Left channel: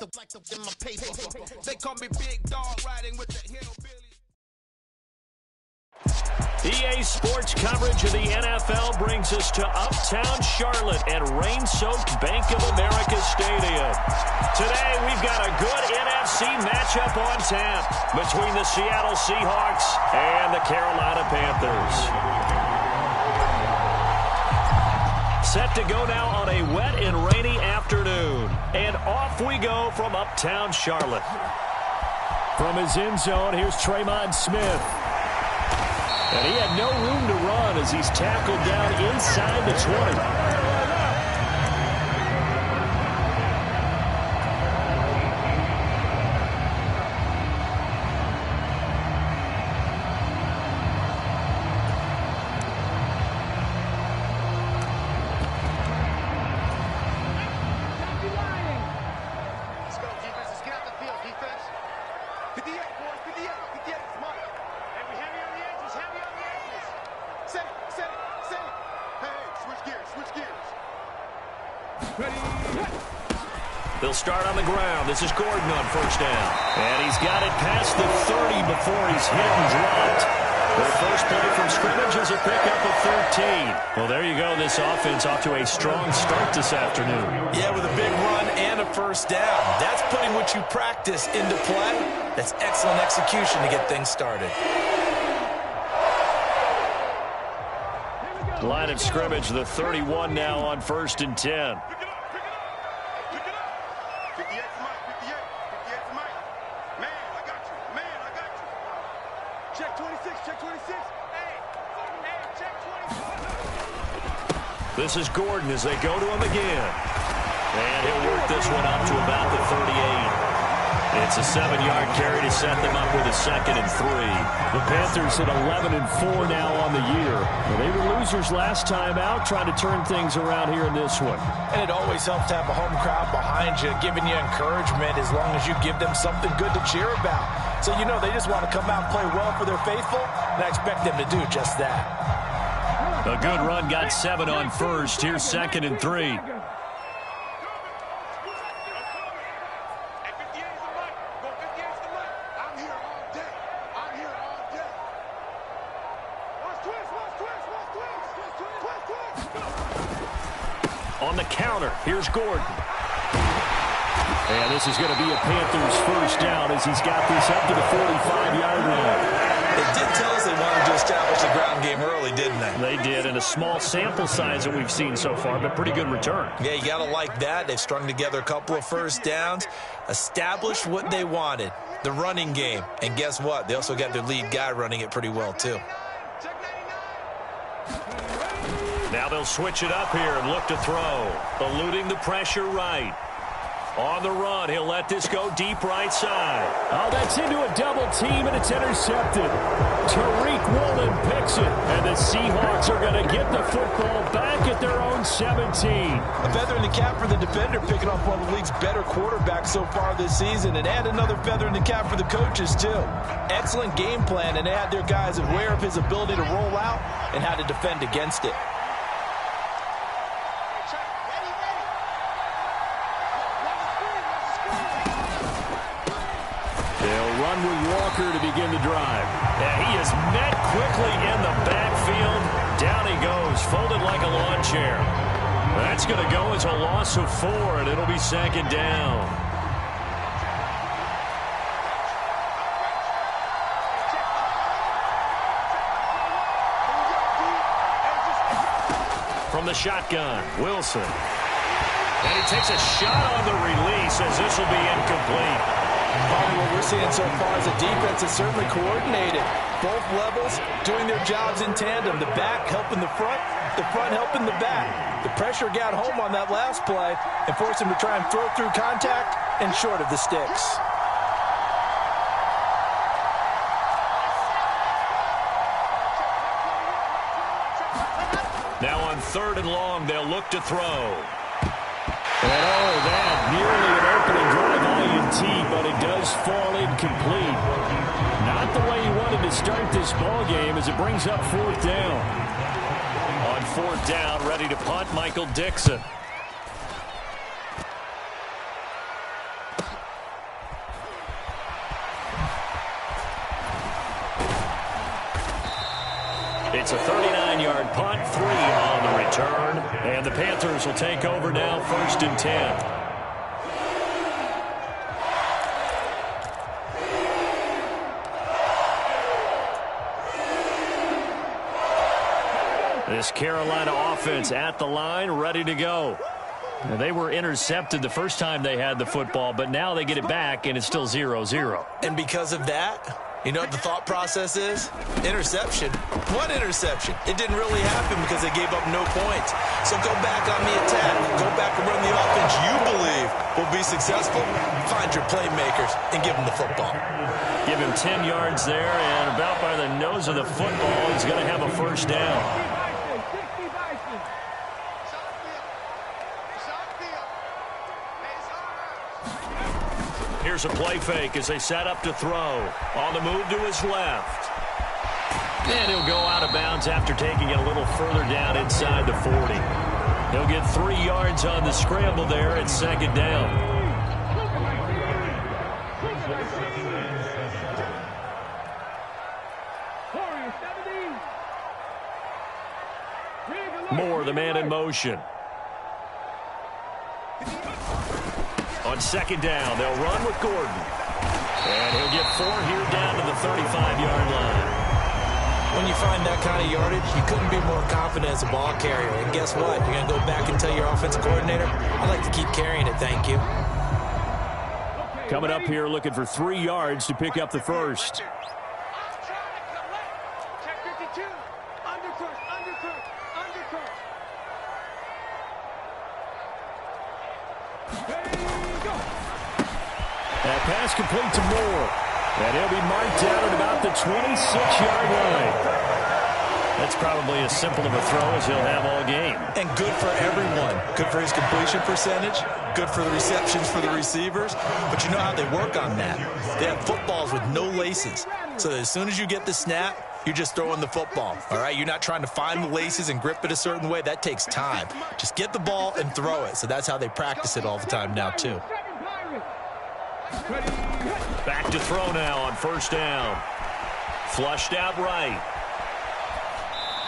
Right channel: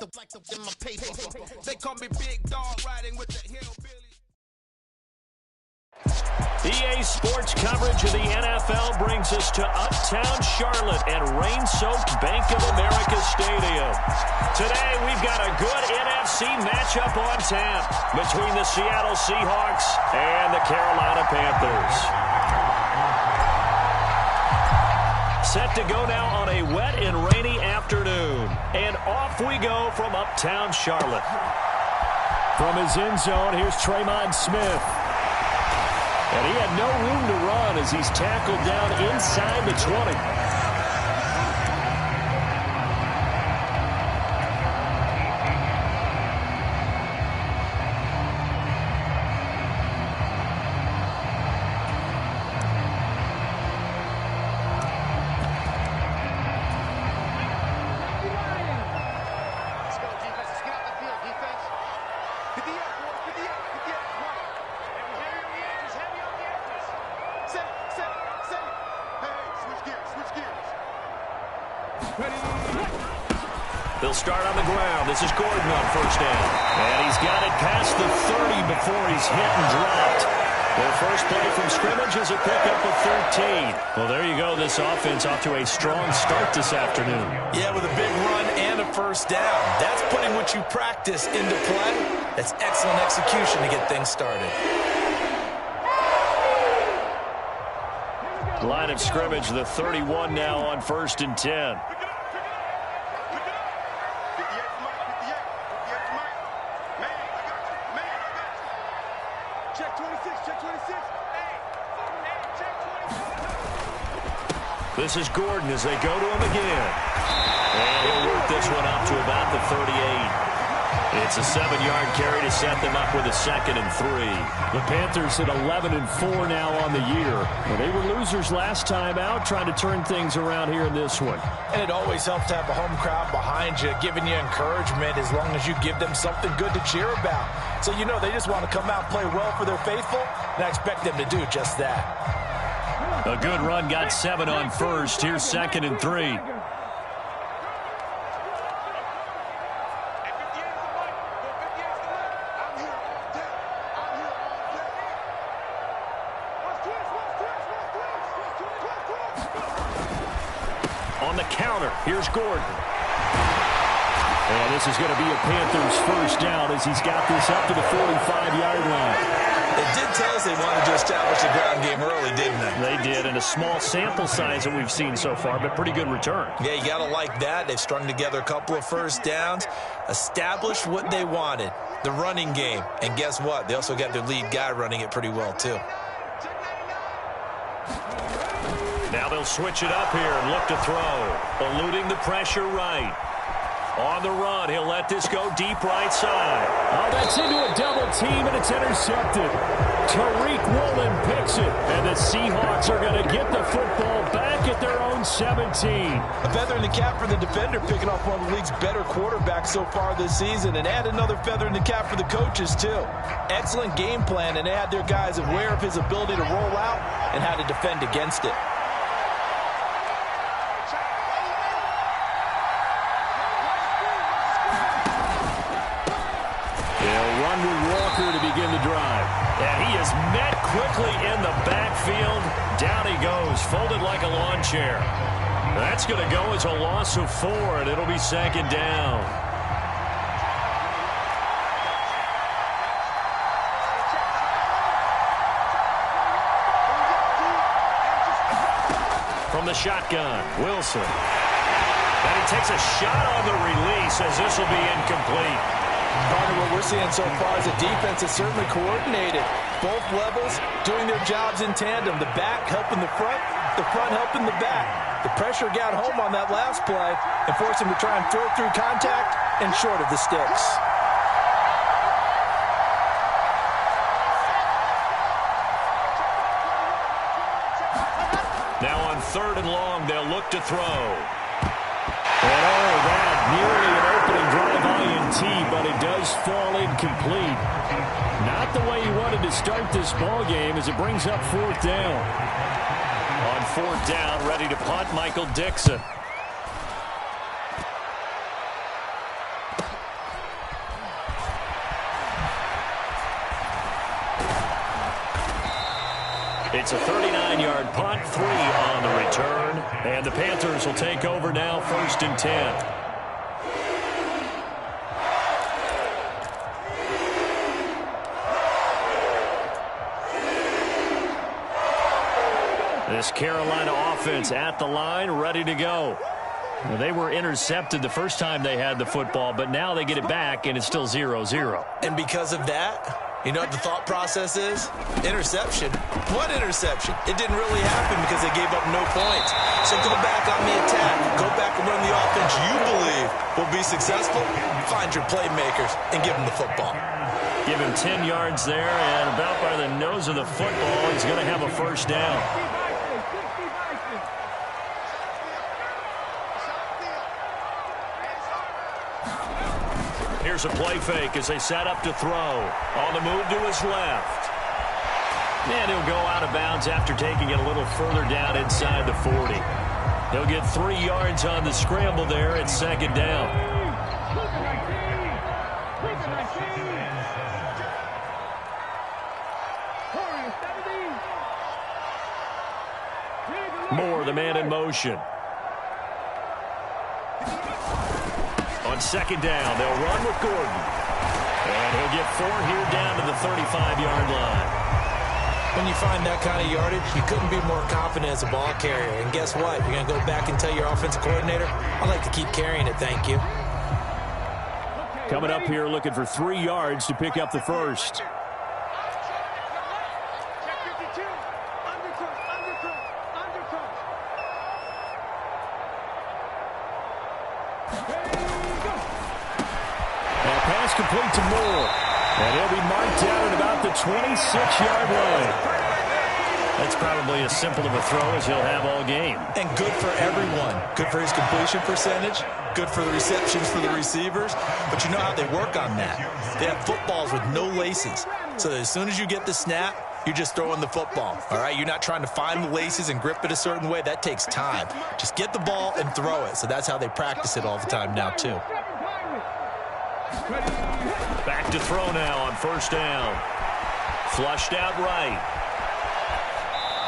in my paper. They call me Big Dog riding with the hillbilly. EA Sports coverage of the NFL brings us to uptown Charlotte at rain-soaked Bank of America Stadium. Today, we've got a good NFC matchup on tap between the Seattle Seahawks and the Carolina Panthers. Set to go now on a wet and rainy afternoon. And off we go from uptown Charlotte. From his end zone, here's Tremon Smith. And he had no room to run as he's tackled down inside the 20. Let's go, defense. Let's get out the field, defense. Get the edge, boys. Get the edge. Get the edge. Come on. And we heavy on the edges. Heavy on the edges. Set it. Set it. Set it. Hey, switch gears. Switch gears. Ready. They'll start on the ground. This is Gordon on first down. And he's got it past the 30 before he's hit and dropped. Their first play from scrimmage is a pickup of 13. Well, there you go. This offense off to a strong start this afternoon. Yeah, with a big run and a first down. That's putting what you practice into play. That's excellent execution to get things started. Line of scrimmage, the 31 now on 1st and 10. Pick it up. Pick it up. Pick it up. 58 for Mike. 58. 58 for Mike. Man, I got you. Man, I got you. Check 26. Check 26. Hey, check 24. This is Gordon as they go to him again. And he'll work this one up to about the 38. It's a 7-yard carry to set them up with a 2nd and 3. The Panthers at 11-4 now on the year. Well, they were losers last time out, trying to turn things around here in this one. And it always helps to have a home crowd behind you, giving you encouragement as long as you give them something good to cheer about. So you know they just want to come out and play well for their faithful, and I expect them to do just that. A good run, got 7 on first. Here's 2nd and 3. On the counter, here's Gordon. And this is going to be a Panthers first down as he's got this up to the 45-yard line. They did tell us they wanted to establish the ground game early, didn't they? They did, and a small sample size that we've seen so far, but pretty good return. Yeah, you got to like that. They've strung together a couple of first downs, established what they wanted, the running game. And guess what? They also got their lead guy running it pretty well, too. Now they'll switch it up here and look to throw. Eluding the pressure right. On the run, he'll let this go deep right side. Oh, that's into a double team, and it's intercepted. Tariq Woolen picks it, and the Seahawks are going to get the football back at their own 17. A feather in the cap for the defender, picking off one of the league's better quarterbacks so far this season, and add another feather in the cap for the coaches, too. Excellent game plan, and they had their guys aware of his ability to roll out and how to defend against it. They'll run with Walker to begin the drive. And he is met quickly in the backfield. Down he goes, folded like a lawn chair. That's going to go as a loss of 4, and it'll be 2nd down. From the shotgun, Wilson. And he takes a shot on the release as this will be incomplete. Partner, what we're seeing so far is a defense is certainly coordinated. Both levels doing their jobs in tandem. The back helping the front helping the back. The pressure got home on that last play and forced him to try and throw through contact and short of the sticks. Now on 3rd and long, they'll look to throw. And all of that, nearly an opening drive INT, but it does fall incomplete. Not the way he wanted to start this ball game as it brings up 4th down. On 4th down, ready to punt, Michael Dixon. It's a 39-yard punt, 3 on the return. And the Panthers will take over now, 1st and 10. This Carolina offense at the line, ready to go. Now, they were intercepted the first time they had the football, but now they get it back, and it's still 0-0. And because of that, you know what the thought process is? Interception. What interception? It didn't really happen because they gave up no points. So go back on the attack. Go back and run the offense you believe will be successful. Find your playmakers and give them the football. Give him 10 yards there, and about by the nose of the football, he's going to have a first down. Here's a play fake as they set up to throw. On the move to his left. And he'll go out of bounds after taking it a little further down inside the 40. He'll get 3 yards on the scramble there at 2nd down. Moore, the man in motion. On 2nd down, they'll run with Gordon. And he'll get 4 here down to the 35-yard line. When you find that kind of yardage, you couldn't be more confident as a ball carrier. And guess what? You're going to go back and tell your offensive coordinator, I'd like to keep carrying it, thank you. Coming up here looking for 3 yards to pick up the first. Check 52. Undercrush, undercrush, undercrush. That pass complete to Moore. And he'll be marked down at about the 26-yard line. That's probably as simple of a throw as he'll have all game. And good for everyone. Good for his completion percentage. Good for the receptions for the receivers. But you know how they work on that. They have footballs with no laces. So that as soon as you get the snap, you're just throwing the football. All right? You're not trying to find the laces and grip it a certain way. That takes time. Just get the ball and throw it. So that's how they practice it all the time now, too. Back to throw now on 1st down. Flushed out right.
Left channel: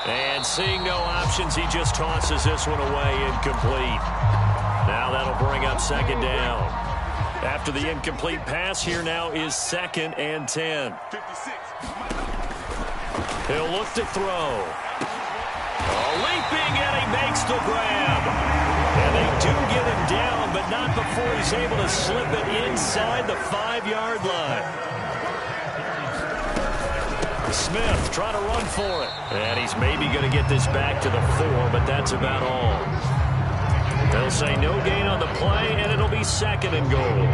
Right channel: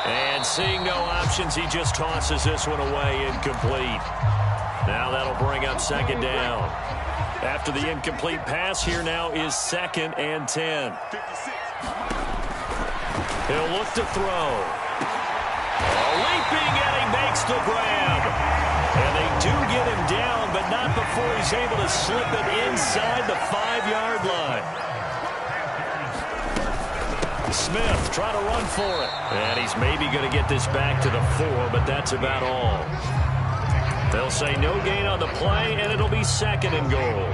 And seeing no options, he just tosses this one away, incomplete. Now that'll bring up 2nd down. After the incomplete pass, here now is 2nd and 10. He'll look to throw. Leaping, and he makes the grab. And they do get him down, but not before he's able to slip it inside the 5-yard line. Smith trying to run for it. And he's maybe going to get this back to the 4, but that's about all. They'll say no gain on the play, and it'll be 2nd and goal.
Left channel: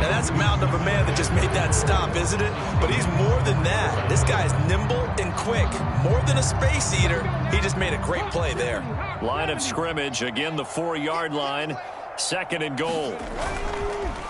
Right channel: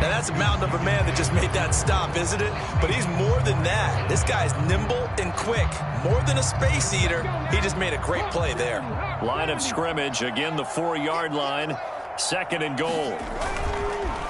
Now, that's a mountain of a man that just made that stop, isn't it? But he's more than that. This guy's nimble and quick. More than a space eater. He just made a great play there. Line of scrimmage, again the 4-yard line. 2nd and goal.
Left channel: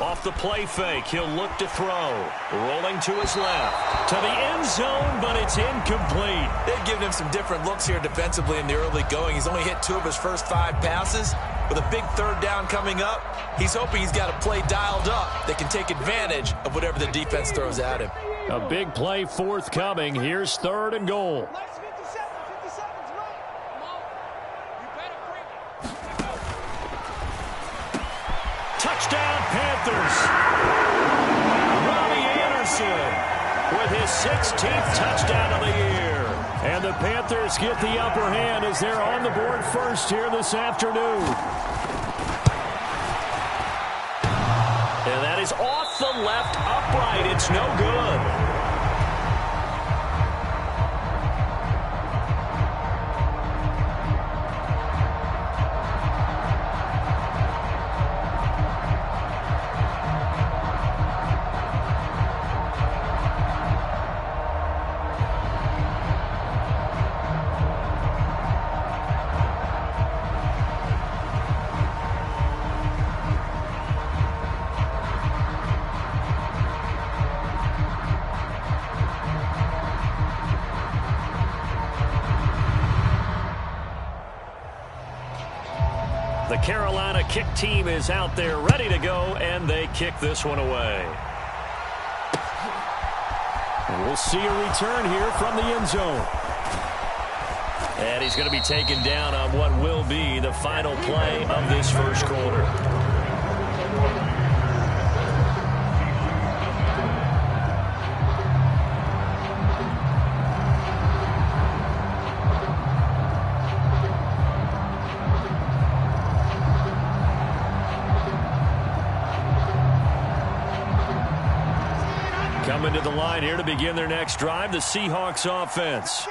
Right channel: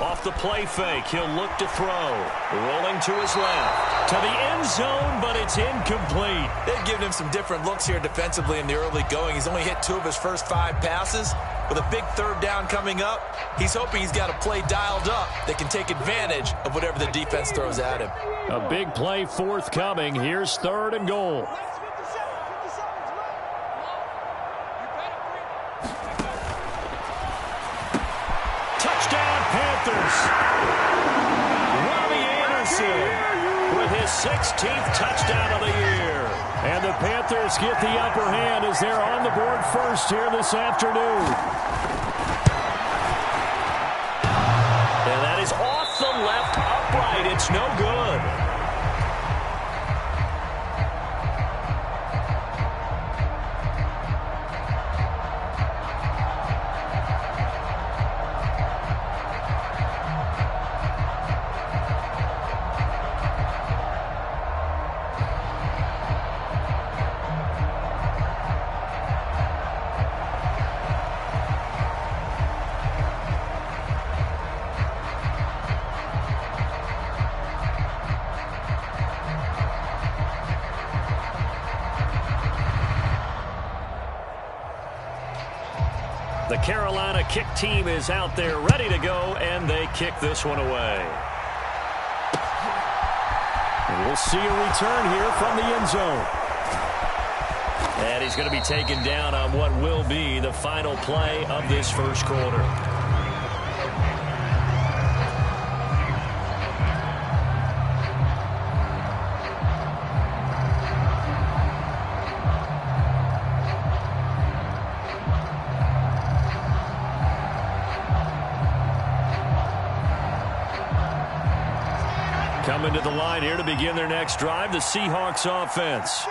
Off the play fake, he'll look to throw. Rolling to his left. To the end zone, but it's incomplete. They've given him some different looks here defensively in the early going. He's only hit 2 of his first 5 passes. With a big 3rd down coming up, he's hoping he's got a play dialed up that can take advantage of whatever the defense throws at him. A big play forthcoming. Here's 3rd and goal. Touchdown, Panthers. Robbie Anderson with his 16th touchdown of the year. And the Panthers get the upper hand as they're on the board first here this afternoon. And that is off the left upright. It's no good. The Carolina kick team is out there ready to go, and they kick this one away. And we'll see a return here from the end zone. And he's going to be taken down on what will be the final play of this first quarter. Coming to the line here to begin their next drive, the Seahawks offense.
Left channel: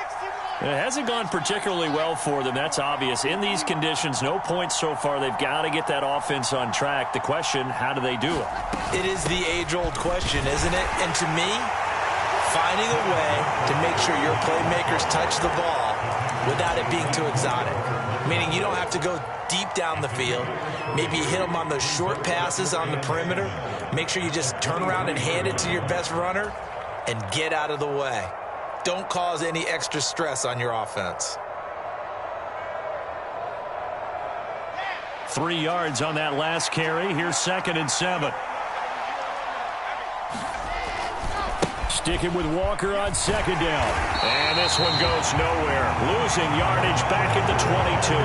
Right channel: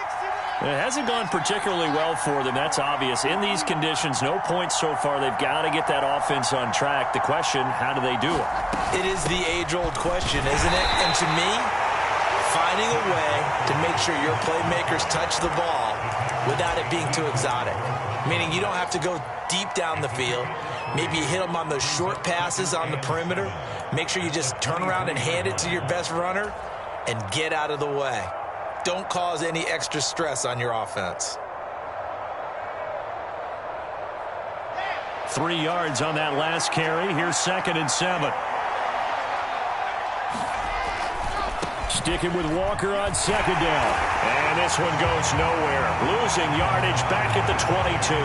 It hasn't gone particularly well for them. That's obvious. In these conditions, no points so far. They've got to get that offense on track. The question, how do they do it? It is the age-old question, isn't it? And to me, finding a way to make sure your playmakers touch the ball without it being too exotic. Meaning you don't have to go deep down the field. Maybe you hit them on those short passes on the perimeter. Make sure you just turn around and hand it to your best runner and get out of the way. Don't cause any extra stress on your offense. 3 yards on that last carry. Here's 2nd and 7. Sticking with Walker on 2nd down. And this one goes nowhere. Losing yardage back at the 22.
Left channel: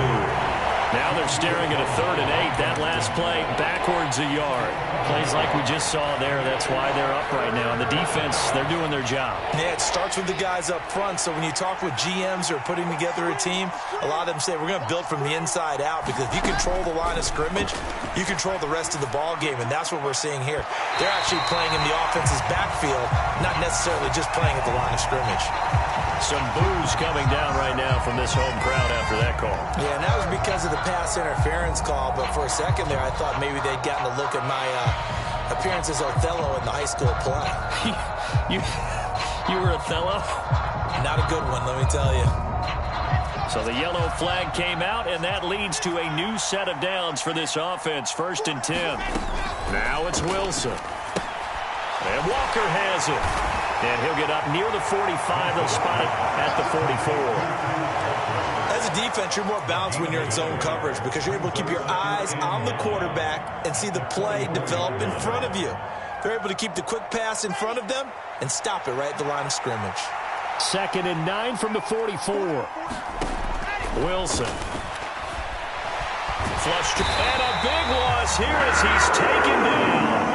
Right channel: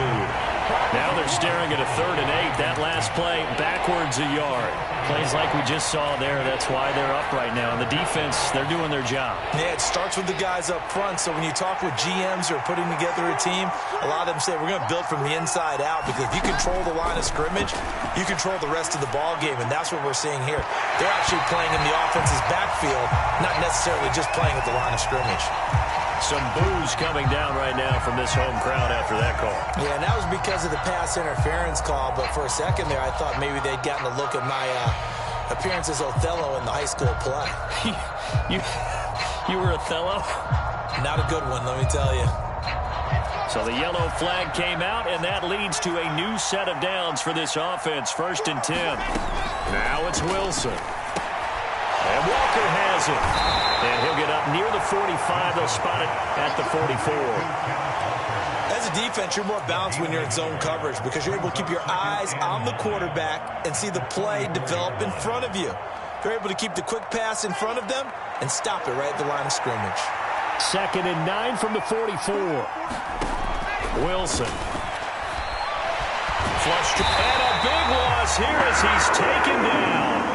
Now they're staring at a 3rd and 8. That last play backwards a yard. Plays like we just saw there. That's why they're up right now. And the defense, they're doing their job. Yeah, it starts with the guys up front. So when you talk with GMs who are putting together a team, a lot of them say we're going to build from the inside out, because if you control the line of scrimmage, you control the rest of the ball game. And that's what we're seeing here. They're actually playing in the offense's backfield, not necessarily just playing at the line of scrimmage. Some boos coming down right now from this home crowd after that call. Yeah, and that was because of the pass interference call. But for a second there, I thought maybe they'd gotten a look at my appearance as Othello in the high school play. You were Othello? Not a good one, let me tell you. So the yellow flag came out, and that leads to a new set of downs for this offense. 1st and 10. Now it's Wilson. And Walker has it. And he'll get up near the 45. They'll spot it at the 44. As a defense, you're more balanced when you're in zone coverage, because you're able to keep your eyes on the quarterback and see the play develop in front of you. They're able to keep the quick pass in front of them and stop it right at the line of scrimmage. 2nd and 9 from the 44. Wilson. Flushed. And a big loss here as he's taken down.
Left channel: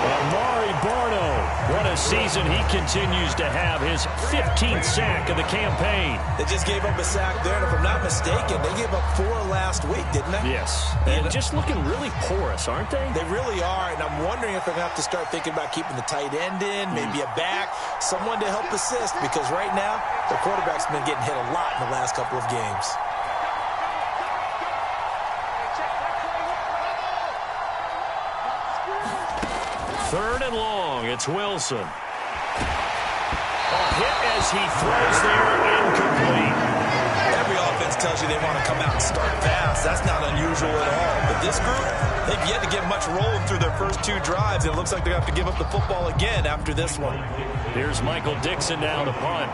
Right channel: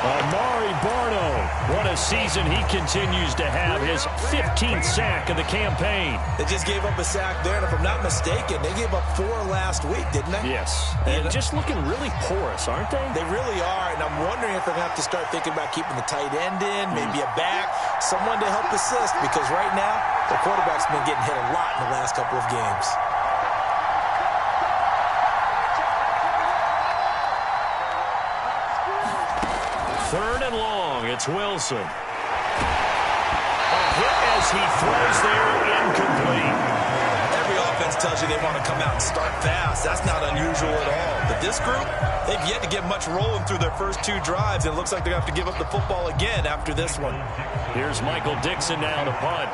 Amari Barno, what a season he continues to have. His 15th sack of the campaign. They just gave up a sack there, and if I'm not mistaken, they gave up 4 last week, didn't they? Yes, and just looking really porous, aren't they? They really are, and I'm wondering if they're going to have to start thinking about keeping the tight end in, maybe a back, someone to help assist, because right now, the quarterback's been getting hit a lot in the last couple of games. Third and long, it's Wilson. A hit as he throws there, incomplete. Every offense tells you they want to come out and start fast. That's not unusual at all. But this group, they've yet to get much rolling through their first 2 drives, and it looks like they're going to have to give up the football again after this one. Here's Michael Dixon now to punt.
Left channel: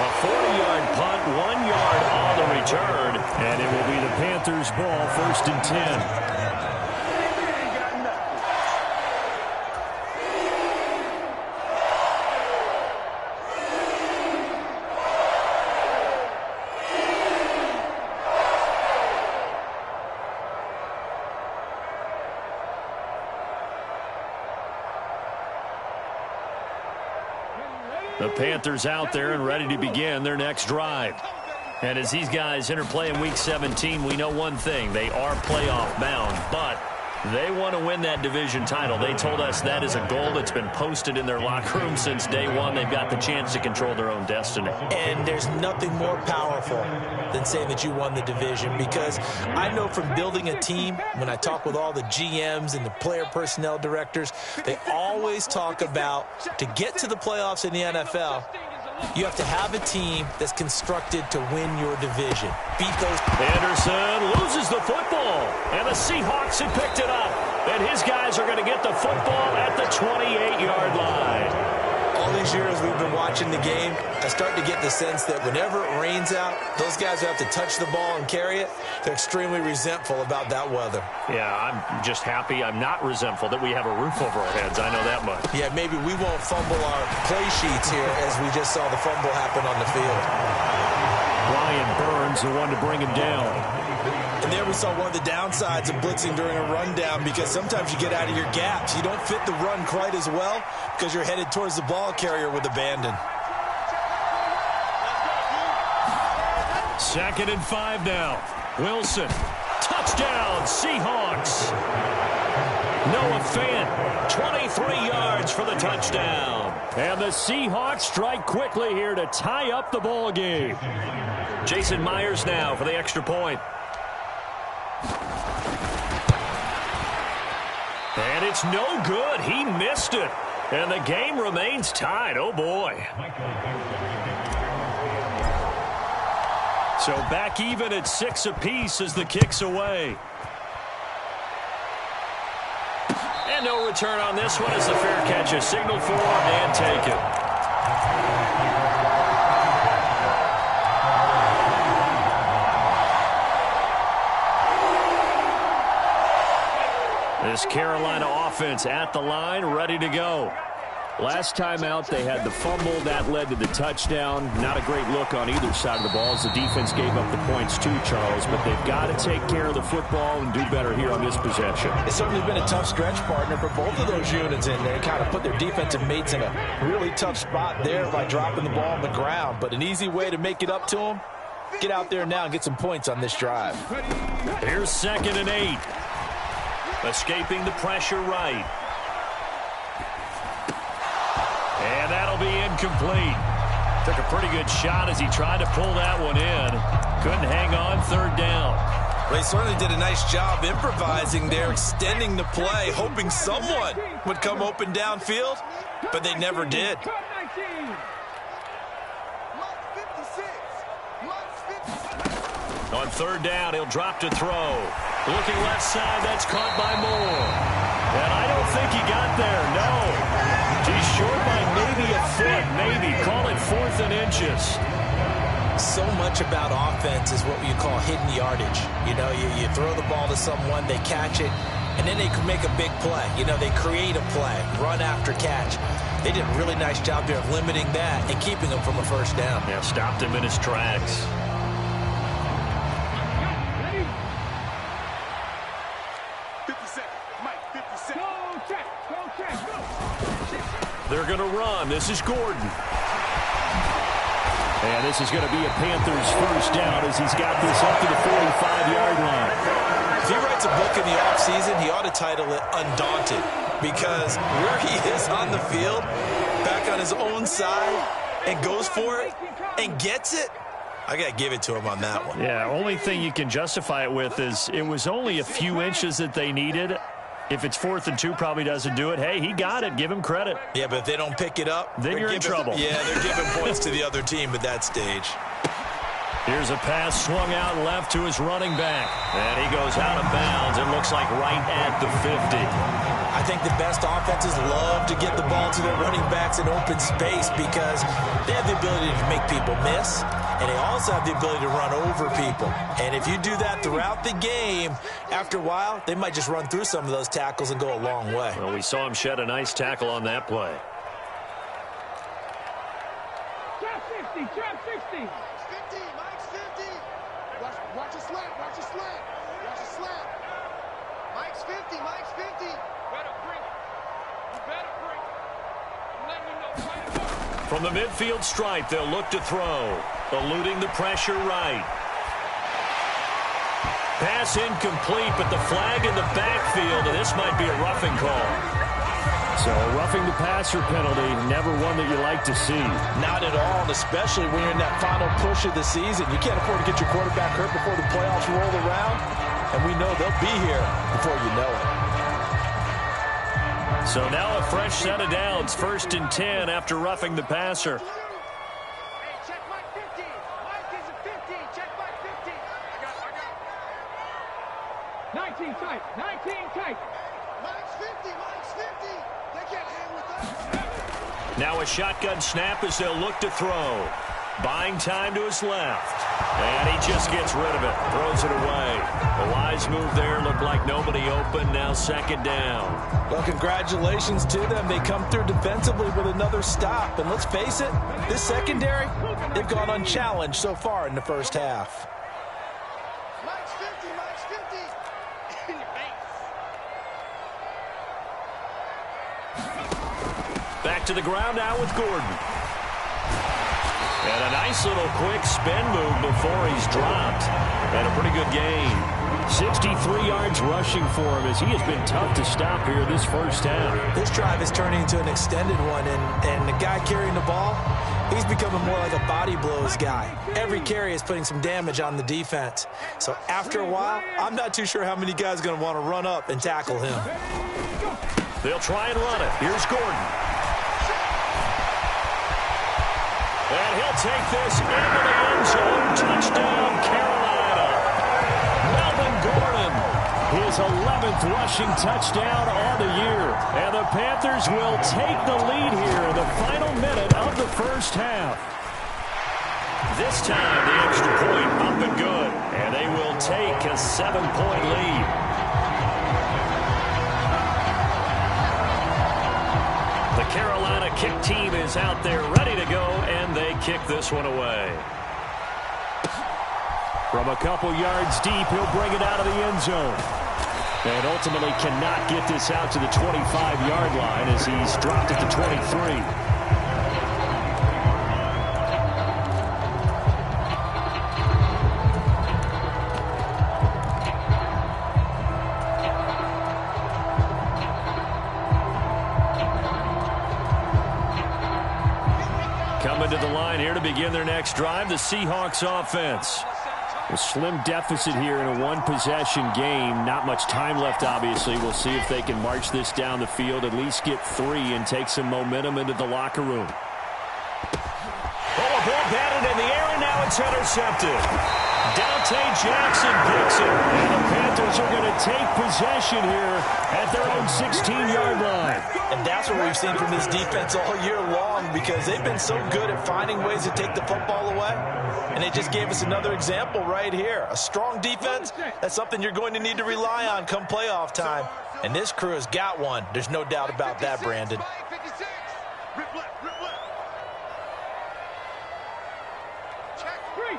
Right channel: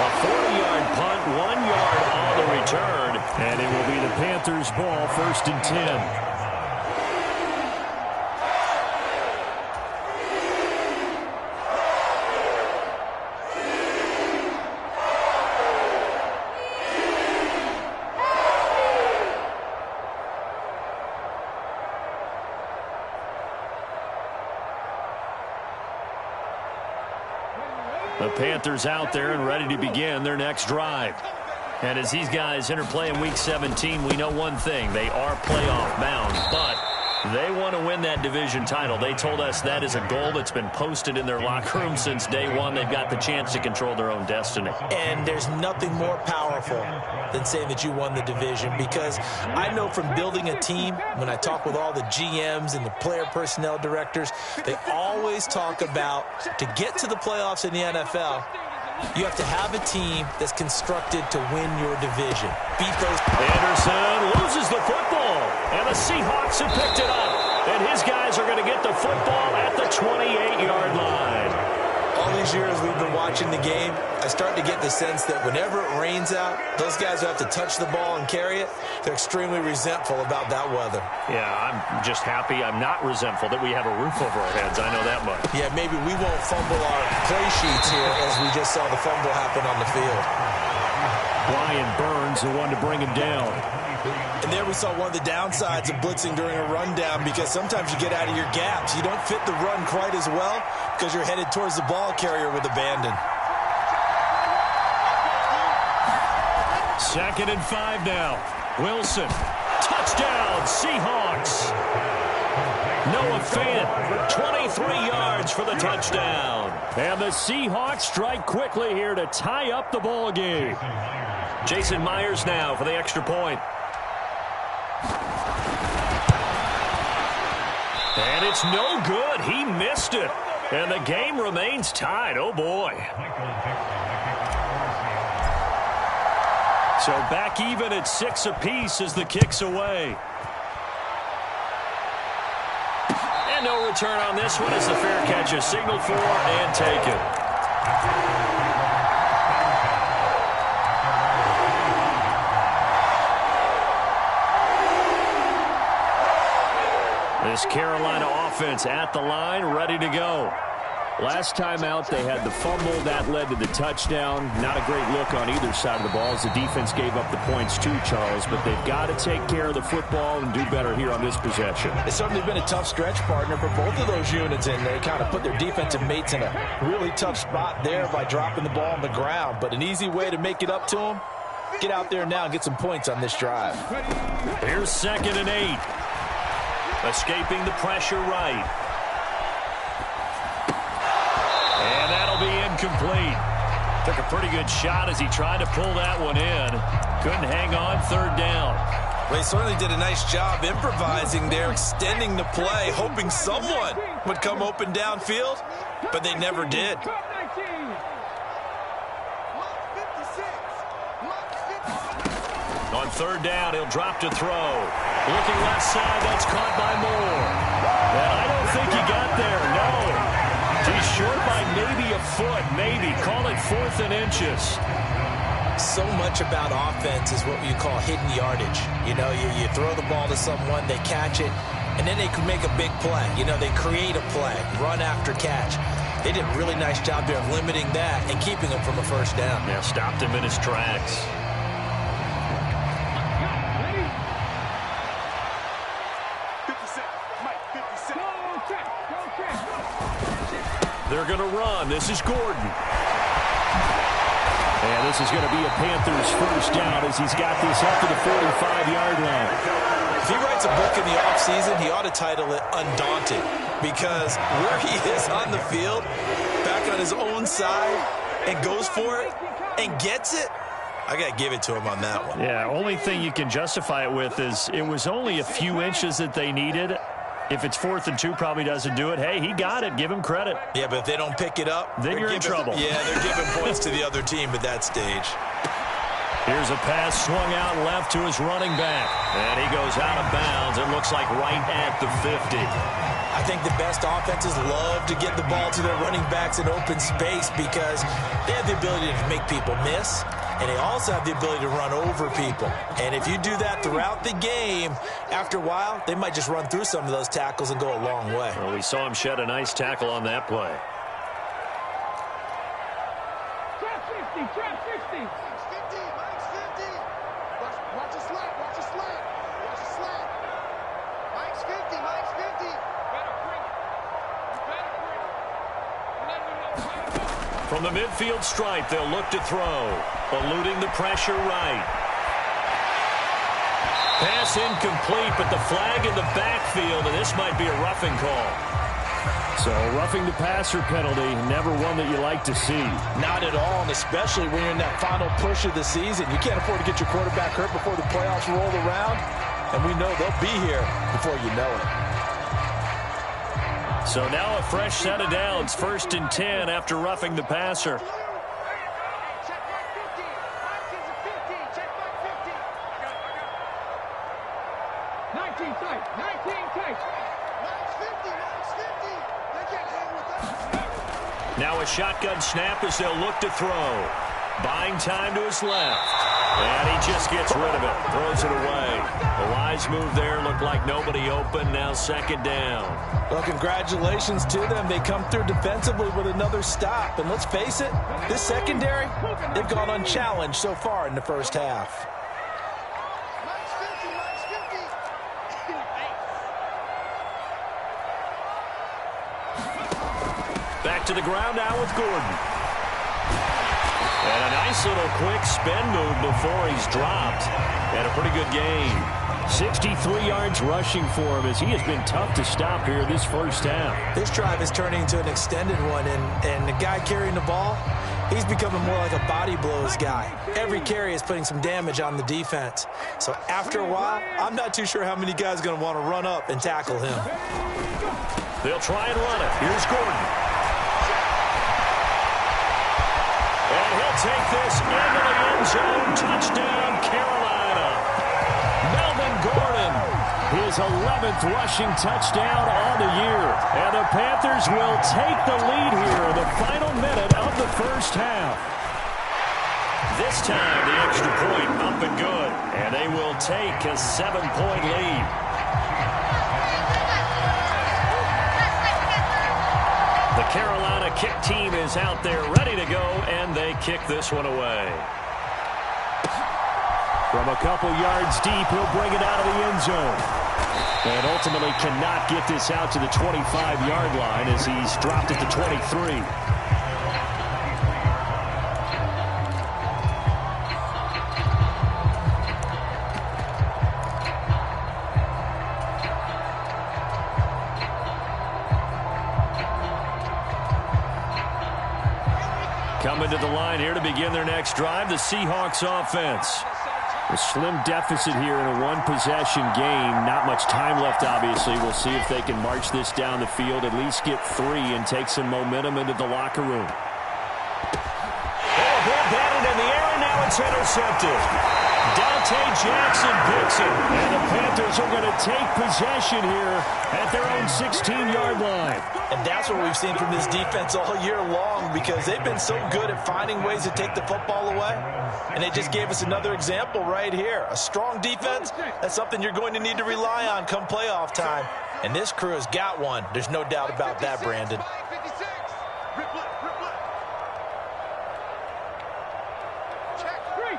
A 40-yard punt, 1 yard on the return, and it will be the Panthers' ball, 1st and 10. The Panthers out there and ready to begin their next drive. And as these guys interplay in Week 17, we know one thing. They are playoff bound, but they want to win that division title. They told us that is a goal that's been posted in their locker room since day one. They've got the chance to control their own destiny. And there's nothing more powerful than saying that you won the division, because I know from building a team, when I talk with all the GMs and the player personnel directors, they always talk about, to get to the playoffs in the NFL, you have to have a team that's constructed to win your division. Beat those. Anderson loses the football, and the Seahawks have picked it up. And his guys are going to get the football at the 28-yard line. All these years we've been watching the game, I start to get the sense that whenever it rains out, those guys who have to touch the ball and carry it, they're extremely resentful about that weather. Yeah, I'm just happy I'm not resentful that we have a roof over our heads. I know that much. Yeah, maybe we won't fumble our play sheets here as we just saw the fumble happen on the field. Brian Burns, the one to bring him down. And there we saw one of the downsides of blitzing during a rundown, because sometimes you get out of your gaps. You don't fit the run quite as well because you're headed towards the ball carrier with abandon. 2nd and 5 now. Wilson. Touchdown, Seahawks. Noah Fant, 23 yards for the touchdown. And the Seahawks strike quickly here to tie up the ball game. Jason Myers now for the extra point. And it's no good. He missed it. And the game remains tied. Oh, boy. So back even at 6 apiece as the kick's away. And no return on this one as the fair catch is signaled for and taken. This Carolina offense at the line, ready to go. Last time out, they had the fumble. That led to the touchdown. Not a great look on either side of the ball as the defense gave up the points too, Charles. But they've got to take care of the football and do better here on this possession. It's certainly been a tough stretch, partner, for both of those units in there. Kind of put their defensive mates in a really tough spot there by dropping the ball on the ground. But an easy way to make it up to them, get out there now and get some points on this drive. Here's 2nd and 8. Escaping the pressure right. And that'll be incomplete. Took a pretty good shot as he tried to pull that one in. Couldn't hang on, 3rd down. They certainly did a nice job improvising there, extending the play, hoping someone would come open downfield, but they never did. On 3rd down, he'll drop to throw. Looking left side, that's caught by Moore. And I don't think he got there, no. He's short by maybe a foot, maybe. Call it 4th and inches. So much about offense is what you call hidden yardage. You know, you throw the ball to someone, they catch it, and then they can make a big play. You know, they create a play, run after catch. They did a really nice job there of limiting that and keeping him from a 1st down. Yeah, stopped him in his tracks. They're going to run. This is Gordon. And this is going to be a Panthers 1st down as he's got this up to the 45-yard line. If he writes a book in the offseason, he ought to title it Undaunted, because where he is on the field, back on his own side, and goes for it and gets it, I got to give it to him on that one. Yeah, only thing you can justify it with is it was only a few inches that they needed. If it's 4th and 2, probably doesn't do it. Hey, he got it. Give him credit. Yeah, but if they don't pick it up, then you're in trouble. Yeah, they're giving points to the other team at that stage. Here's a pass swung out left to his running back. And he goes out of bounds. It looks like right at the 50. I think the best offenses love to get the ball to their running backs in open space because they have the ability to make people miss, and they also have the ability to run over people. And if you do that throughout the game, after a while, they might just run through some of those tackles and go a long way. Well, we saw him shed a nice tackle on that play. Trap 60, trap 60. Mike's 50, Mike's 50. Watch a slant, watch a slant. Watch a slant. Mike's 50, Mike's 50. Better bring it. You better bring it. I'm letting you know. Right above. From the midfield stripe, they'll look to throw. Eluding the pressure right. Pass incomplete, but the flag in the backfield, and this might be a roughing call. So roughing the passer penalty, never one that you like to see. Not at all, and especially when you're in that final push of the season. You can't afford to get your quarterback hurt before the playoffs roll around, and we know they'll be here before you know it. So now a fresh set of downs, 1st and 10 after roughing the passer. Hey, check Mike 50. Mike is a 50. Check Mike 50. I got it. 19 tight. 19 tight. Mike's 50. Mike's 50. They can't hang with us. Now a shotgun snap as they'll look to throw. Buying time to his left. And he just gets rid of it. Throws it away. A wise move there. Looked like nobody open. Now second down. Well, congratulations to them. They come through defensively with another stop. And let's face it, this secondary, they've gone unchallenged so far in the first half. Mike's 50, Mike's 50. In your face. Back to the ground now with Gordon. And a nice little quick spin move before he's dropped. And a pretty good game. 63 yards rushing for him as he has been tough to stop here this first half. This drive is turning into an extended one, and the guy carrying the ball, he's becoming more like a body blows guy. Every carry is putting some damage on the defense. So after a while, I'm not too sure how many guys are going to want to run up and tackle him. They'll try and run it. Here's Gordon. And he'll take this into the end zone. Touchdown, Carolina. Melvin Gordon, his 11th rushing touchdown on the year. And the Panthers will take the lead here in the final minute of the first half. This time, the extra point up and good. And they will take a 7-point lead. The Carolina kick team is out there ready to go, and they kick this one away. From a couple yards deep, he'll bring it out of the end zone. And ultimately cannot get this out to the 25-yard line as he's dropped it to 23. Coming to the line here to begin their next drive, the Seahawks offense. A slim deficit here in a one-possession game. Not much time left, obviously. We'll see if they can march this down the field, at least get 3, and take some momentum into the locker room. Oh, a ball batted in the air, and now it's intercepted. Dante Jackson picks it. And the Panthers are going to take possession here at their own 16-yard line. And that's what we've seen from this defense all year long, because they've been so good at finding ways to take the football away. And they just gave us another example right here. A strong defense, that's something you're going to need to rely on come playoff time. And this crew has got one. There's no doubt about that, Brandon. 56. Rip left, rip left. Check. Three.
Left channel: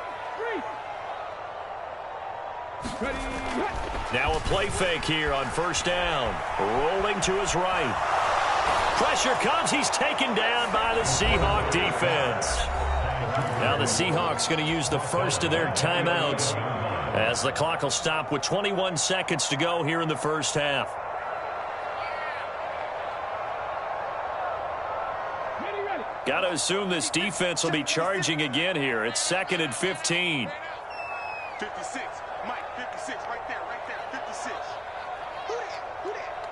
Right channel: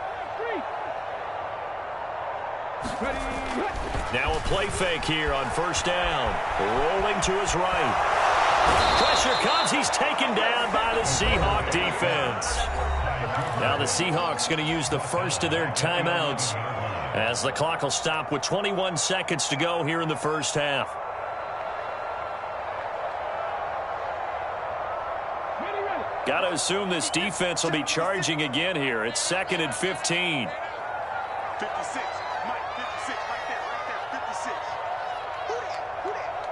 Now a play fake here on first down. Rolling to his right. Pressure comes. He's taken down by the Seahawk defense. Now the Seahawks going to use the first of their timeouts as the clock will stop with 21 seconds to go here in the first half. Got to assume this defense will be charging again here. It's 2nd and 15. 56. Mike, 56. Right there. 56. Who that?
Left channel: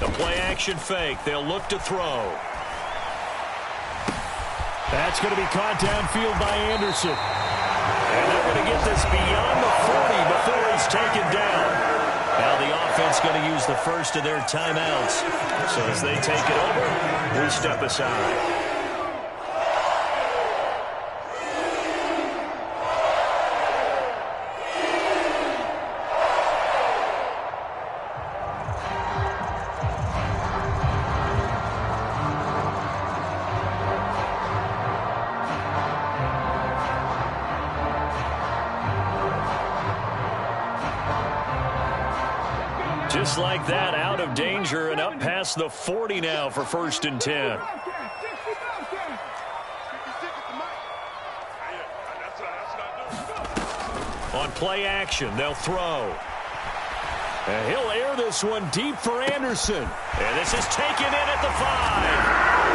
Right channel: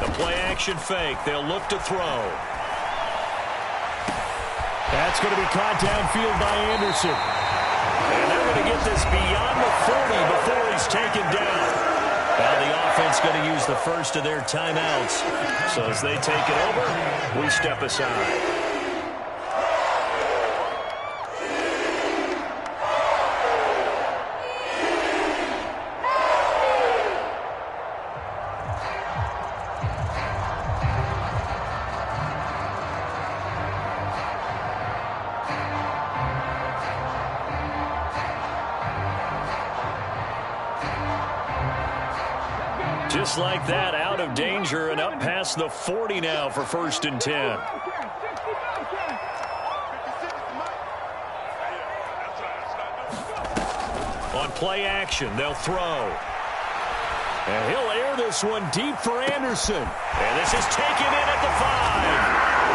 The play action fake. They'll look to throw. That's going to be caught downfield by Anderson. And they're going to get this beyond the 40 before he's taken down. Now the offense going to use the first of their timeouts. So as they take it over, we step aside. Just like that, out of danger and up past the 40 now for 1st and 10. On play action, they'll throw. And he'll air this one deep for Anderson. And this is taken in at the 5.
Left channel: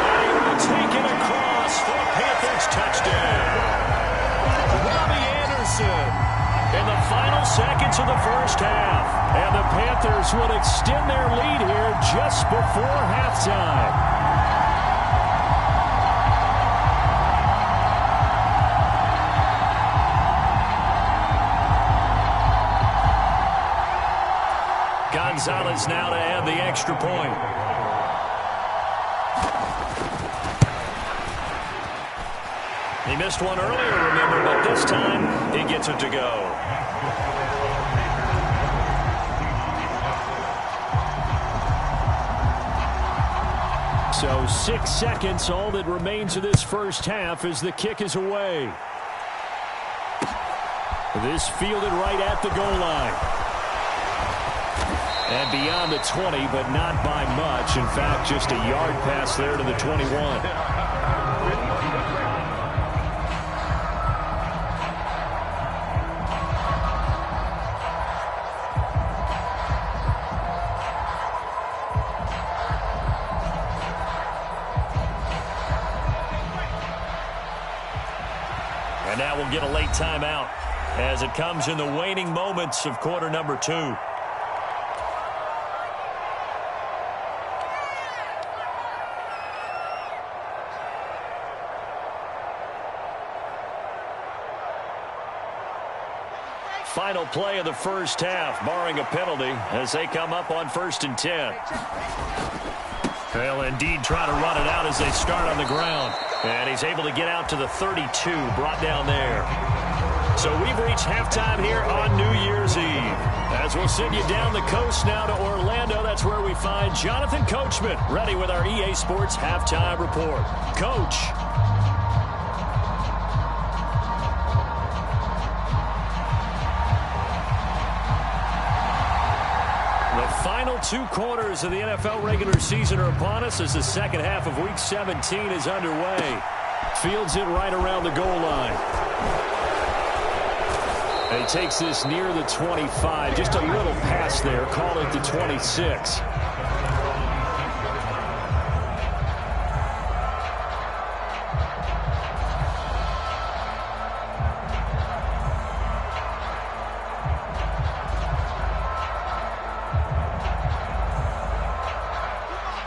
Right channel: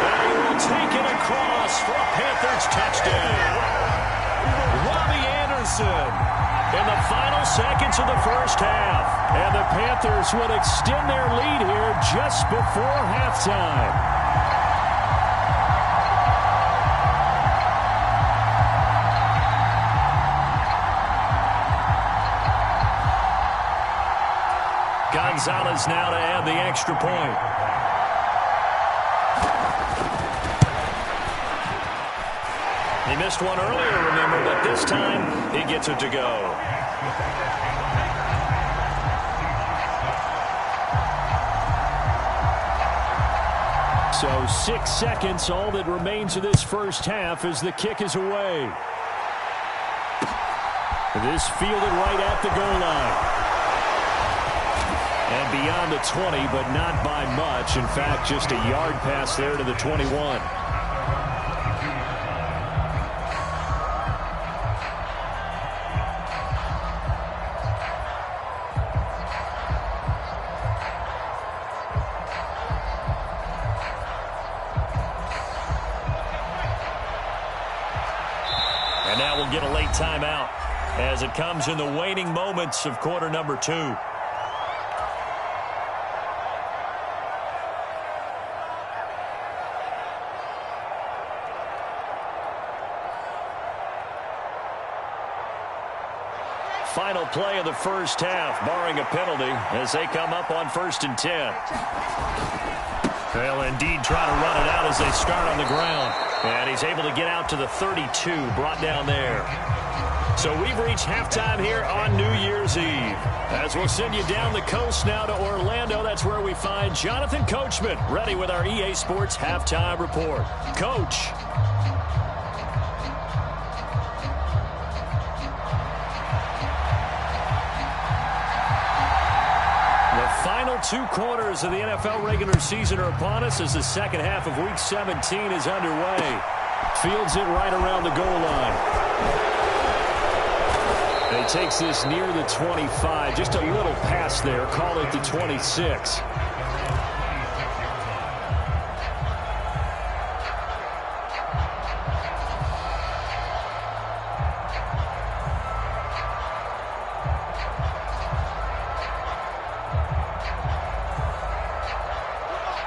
And he will take it across for a Panthers touchdown. Robbie Anderson in the final seconds of the first half. And the Panthers will extend their lead here just before halftime. Gonzalez now to add the extra point. He missed one earlier, remember, but this time he gets it to go. So 6 seconds, all that remains of this first half as the kick is away. This fielded right at the goal line. And beyond the 20, but not by much. In fact, just a yard pass there to the 21. And now we'll get a late timeout as it comes in the waning moments of quarter number 2. Final play of the first half, barring a penalty, as they come up on 1st and 10. They'll indeed try to run it out as they start on the ground. And he's able to get out to the 32, brought down there. So we've reached halftime here on New Year's Eve. As we'll send you down the coast now to Orlando, that's where we find Jonathan Coachman, ready with our EA Sports Halftime Report. Coach. The final 2 quarters of the NFL regular season are upon us as the second half of Week 17 is underway. Fields it right around the goal line. And he takes this near the 25. Just a little pass there. Call it the 26.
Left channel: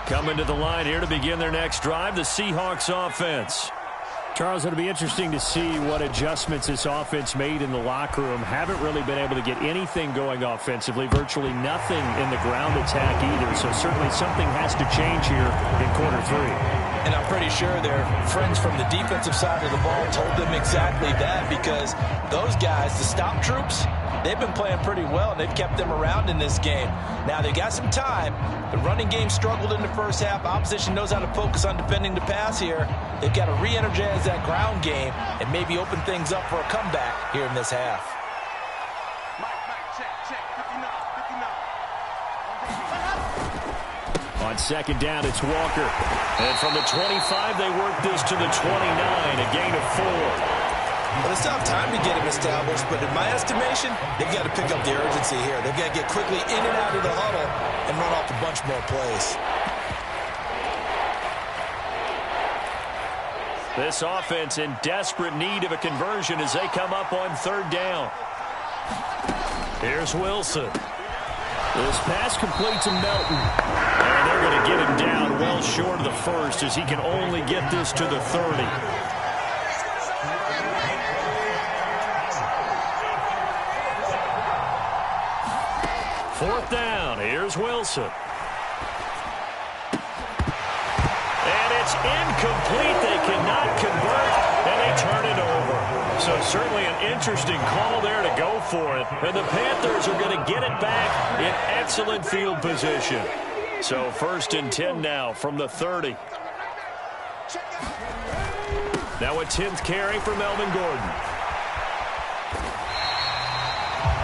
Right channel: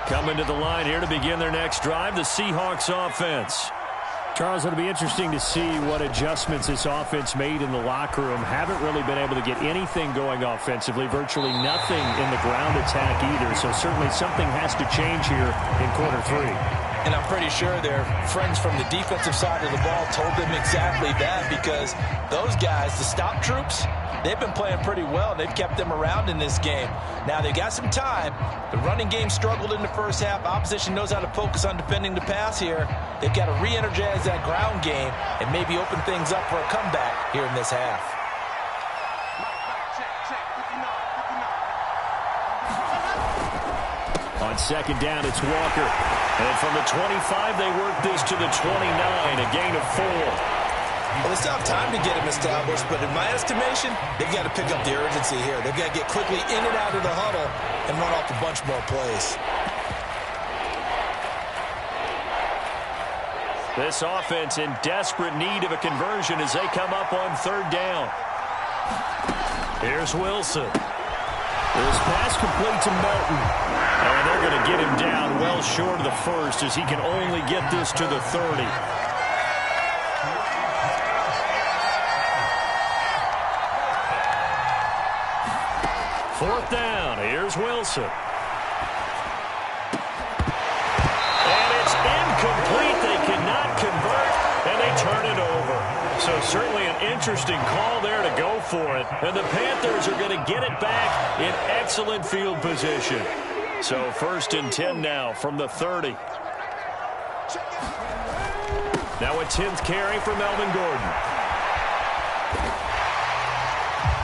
Coming to the line here to begin their next drive, the Seahawks offense. Charles, it'll be interesting to see what adjustments this offense made in the locker room. Haven't really been able to get anything going offensively, virtually nothing in the ground attack either. So certainly something has to change here in quarter 3. And I'm pretty sure their friends from the defensive side of the ball told them exactly that, because those guys, the stop troops, they've been playing pretty well, and they've kept them around in this game. Now, they got some time. The running game struggled in the first half. Opposition knows how to focus on defending the pass here. They've got to re-energize that ground game and maybe open things up for a comeback here in this half. On second down, it's Walker. And from the 25, they work this to the 29, a gain of 4. Well, they still have time to get him established, but in my estimation, they've got to pick up the urgency here. They've got to get quickly in and out of the huddle and run off a bunch more plays. This offense in desperate need of a conversion as they come up on 3rd down. Here's Wilson. This pass complete to Melton. And they're going to get him down well short of the first as he can only get this to the 30. Fourth down. Here's Wilson. And it's incomplete. They cannot convert, and they turn it over. So certainly an interesting call there to go for it. And the Panthers are going to get it back in excellent field position. So 1st and 10 now from the 30. Now a 10th carry for Melvin Gordon.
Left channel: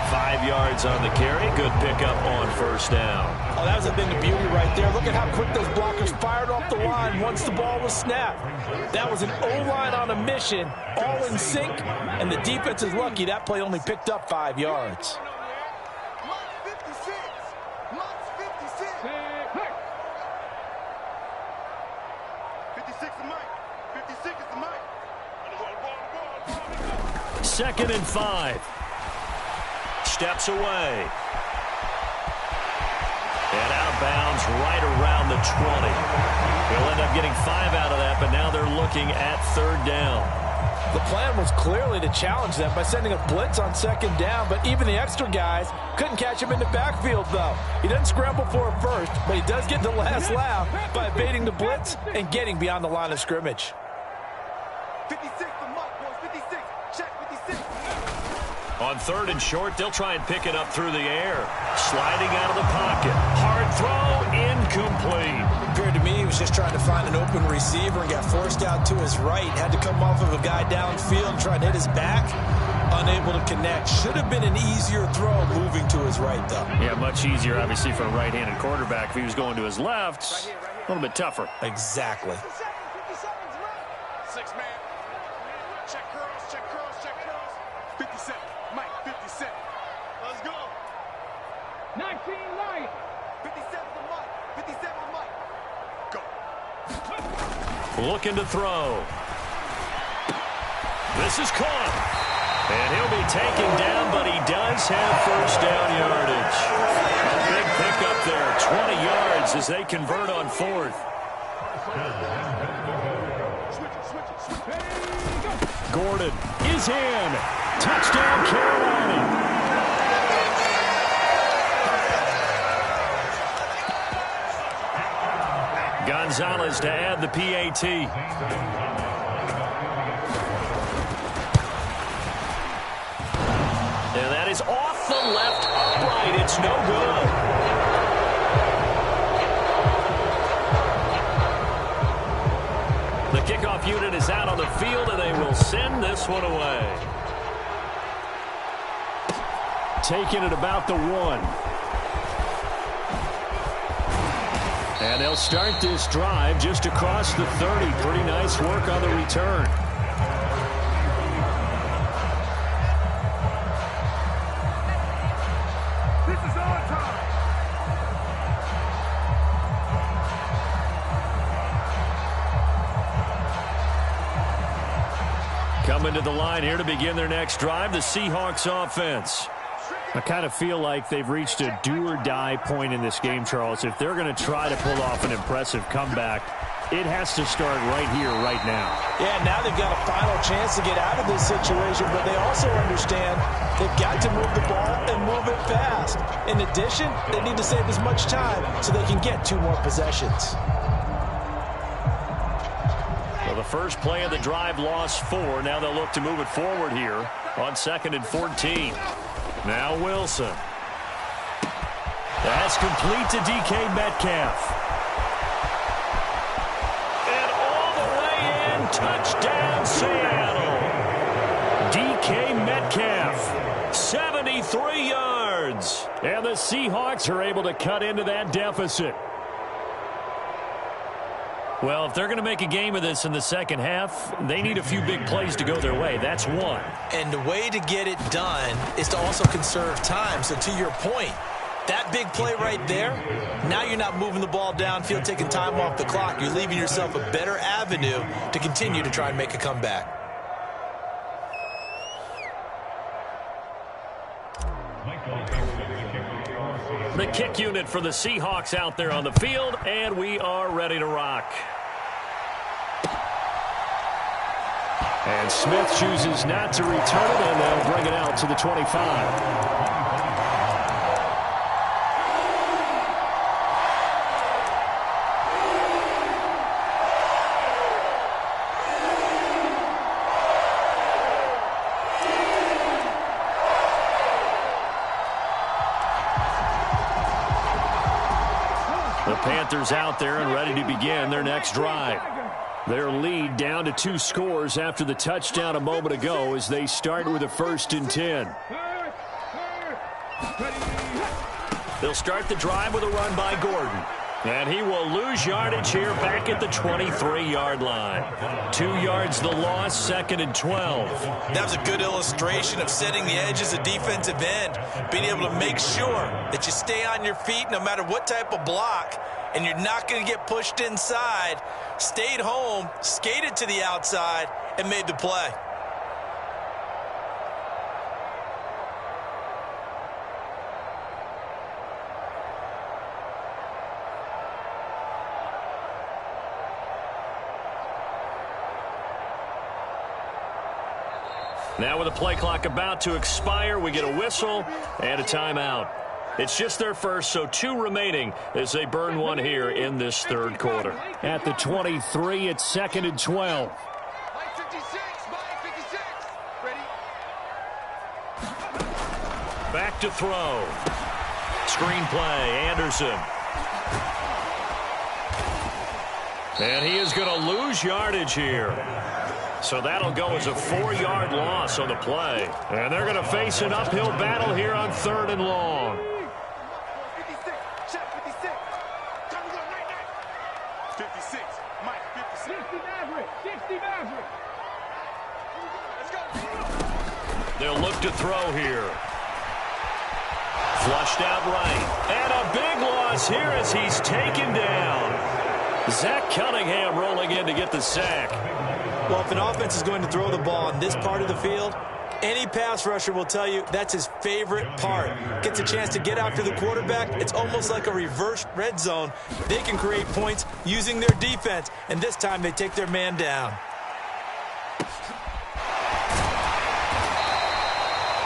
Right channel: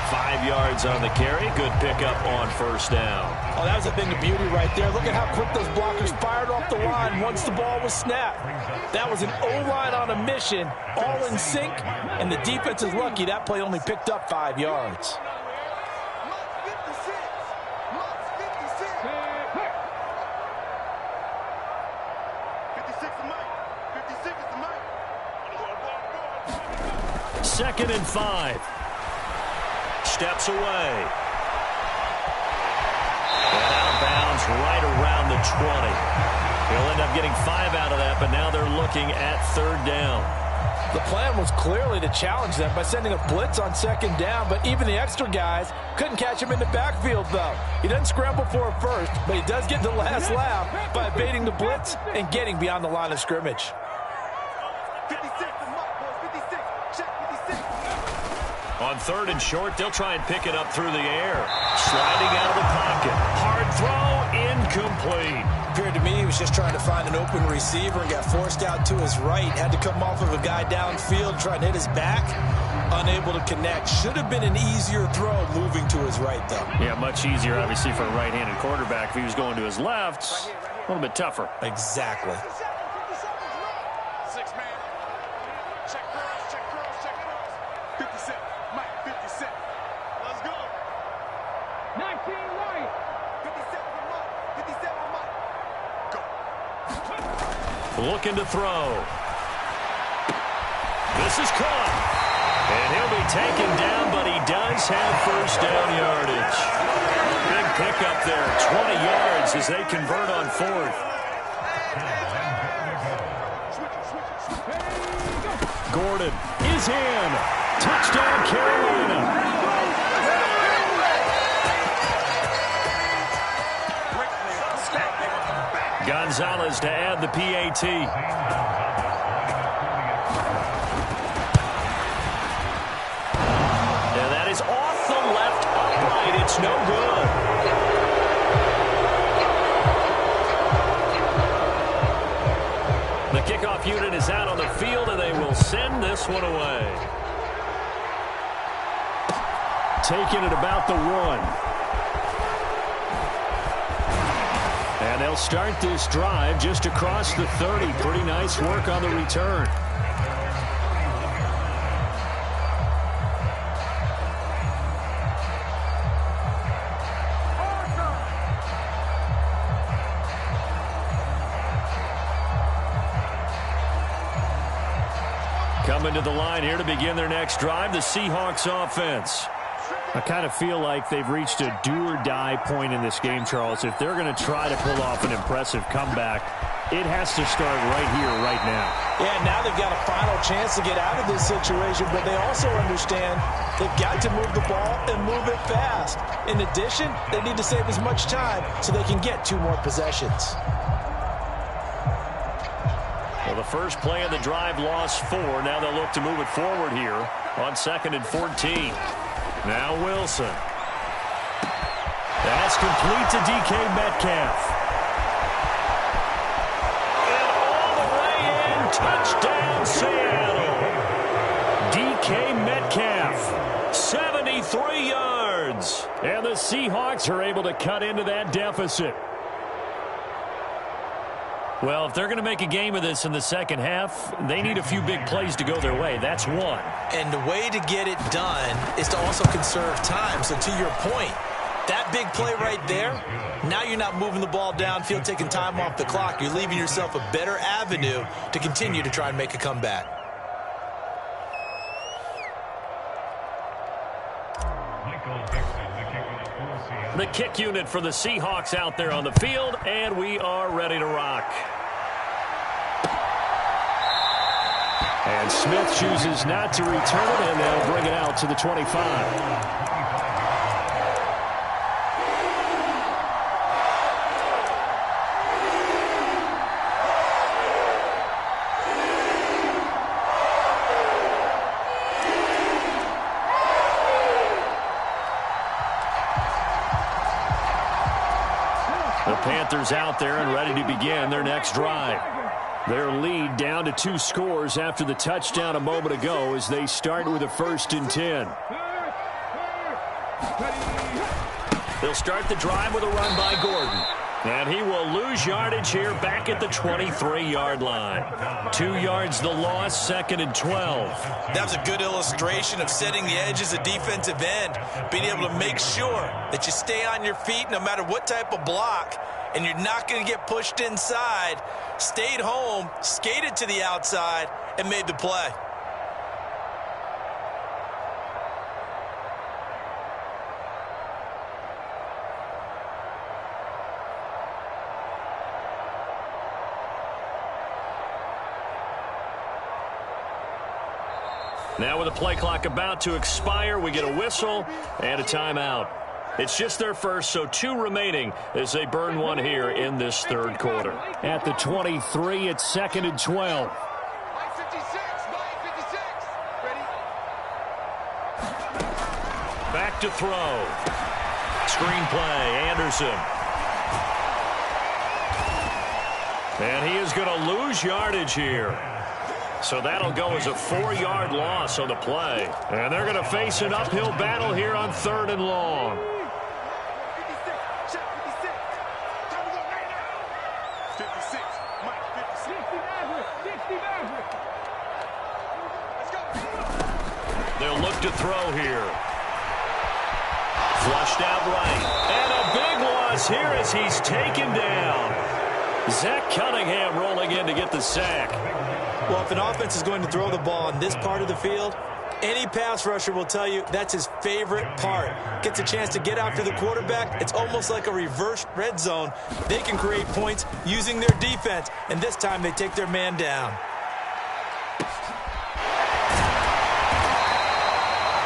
5 yards on the carry. Good pickup on 1st down. Oh, that was a thing of beauty right there. Look at how quick those blockers fired off the line once the ball was snapped. That was an O-line on a mission, all in sync, and the defense is lucky that play only picked up 5 yards. 2nd and 5. Steps away. And out of bounds right around the 20. He'll end up getting 5 out of that, but now they're looking at 3rd down. The plan was clearly to challenge them by sending a blitz on second down, but even the extra guys couldn't catch him in the backfield, though. He doesn't scramble for it first, but he does get the last laugh by evading the blitz and getting beyond the line of scrimmage. 56, the mic, boys, 56. Check, 56. On third and short, they'll try and pick it up through the air. Sliding out of the pocket. Hard throw, incomplete. Appeared to me he was just trying to find an open receiver and got forced out to his right. Had to come off of a guy downfield and try and hit his back. Unable to connect. Should have been an easier throw moving to his right, though. Yeah, much easier, obviously, for a right-handed quarterback. If he was going to his left, a little bit tougher. Exactly. 6 man. Check curls, check curls, check curls. 57. Mike, 57. Let's go. 19 light. 57 the mic. 57 the mic. Go. Looking to throw. This is caught. And he'll be taken down, but he does have first down yardage. A big pickup there. 20 yards as they convert on fourth. Gordon is in. Touchdown, Carolina. Gonzalez to add the PAT. And that is off the left upright. It's no good. The kickoff unit is out on the field, and they will send this one away. Taking it about the 1. And they'll start this drive just across the 30. Pretty nice work on the return. Coming to the line here to begin their next drive, the Seahawks offense. I kind of feel like they've reached a do-or-die point in this game, Charles. If they're going to try to pull off an impressive comeback, it has to start right here, right now. Yeah, now they've got a final chance to get out of this situation, but they also understand they've got to move the ball and move it fast. In addition, they need to save as much time so they can get 2 more possessions. Well, the first play of the drive lost 4. Now they'll look to move it forward here on 2nd and 14. Now Wilson. That's complete to DK Metcalf. And all the way in, touchdown Seattle. DK Metcalf, 73 yards. And the Seahawks are able to cut into that deficit. Well, if they're going to make a game of this in the second half, they need a few big plays to go their way. That's one. And the way to get it done is to also conserve time. So to your point, that big play right there, now you're not moving the ball downfield, taking time off the clock. You're leaving yourself a better avenue to continue to try and make a comeback. The kick unit for the Seahawks out there on the field, and we are ready to rock. And Smith chooses not to return it, and they'll bring it out to the 25. The Panthers out there and ready to begin their next drive. Their lead down to 2 scores after the touchdown a moment ago as they start with a 1st and 10. They'll start the drive with a run by Gordon. And he will lose yardage here back at the 23-yard line. 2 yards the loss, 2nd and 12. That was a good illustration of setting the edge as a defensive end, being able to make sure that you stay on your feet no matter what type of block, and you're not going to get pushed inside. Stayed home, skated to the outside, and made the play. Now with the play clock about to expire, we get a whistle and a timeout. It's just their first, so 2 remaining as they burn one here in this third quarter. At the 23, it's 2nd and 12. Mike 56, Mike 56. Ready? Back to throw. Screen play, Anderson. And he is going to lose yardage here. So that'll go as a 4-yard loss on the play. And they're going to face an uphill battle here on 3rd and long. 56, check 56. Time to go right now. 56, Mike 56. 60 Maverick, 60 Maverick. Let's go. They'll look to throw here. Flushed out right. And a big loss here as he's taken down. Zach Cunningham rolling in to get the sack. Well, if an offense is going to throw the ball on this part of the field, any pass rusher will tell you that's his favorite part. Gets a chance to get after the quarterback. It's almost like a reverse red zone. They can create points using their defense, and this time they take their man down.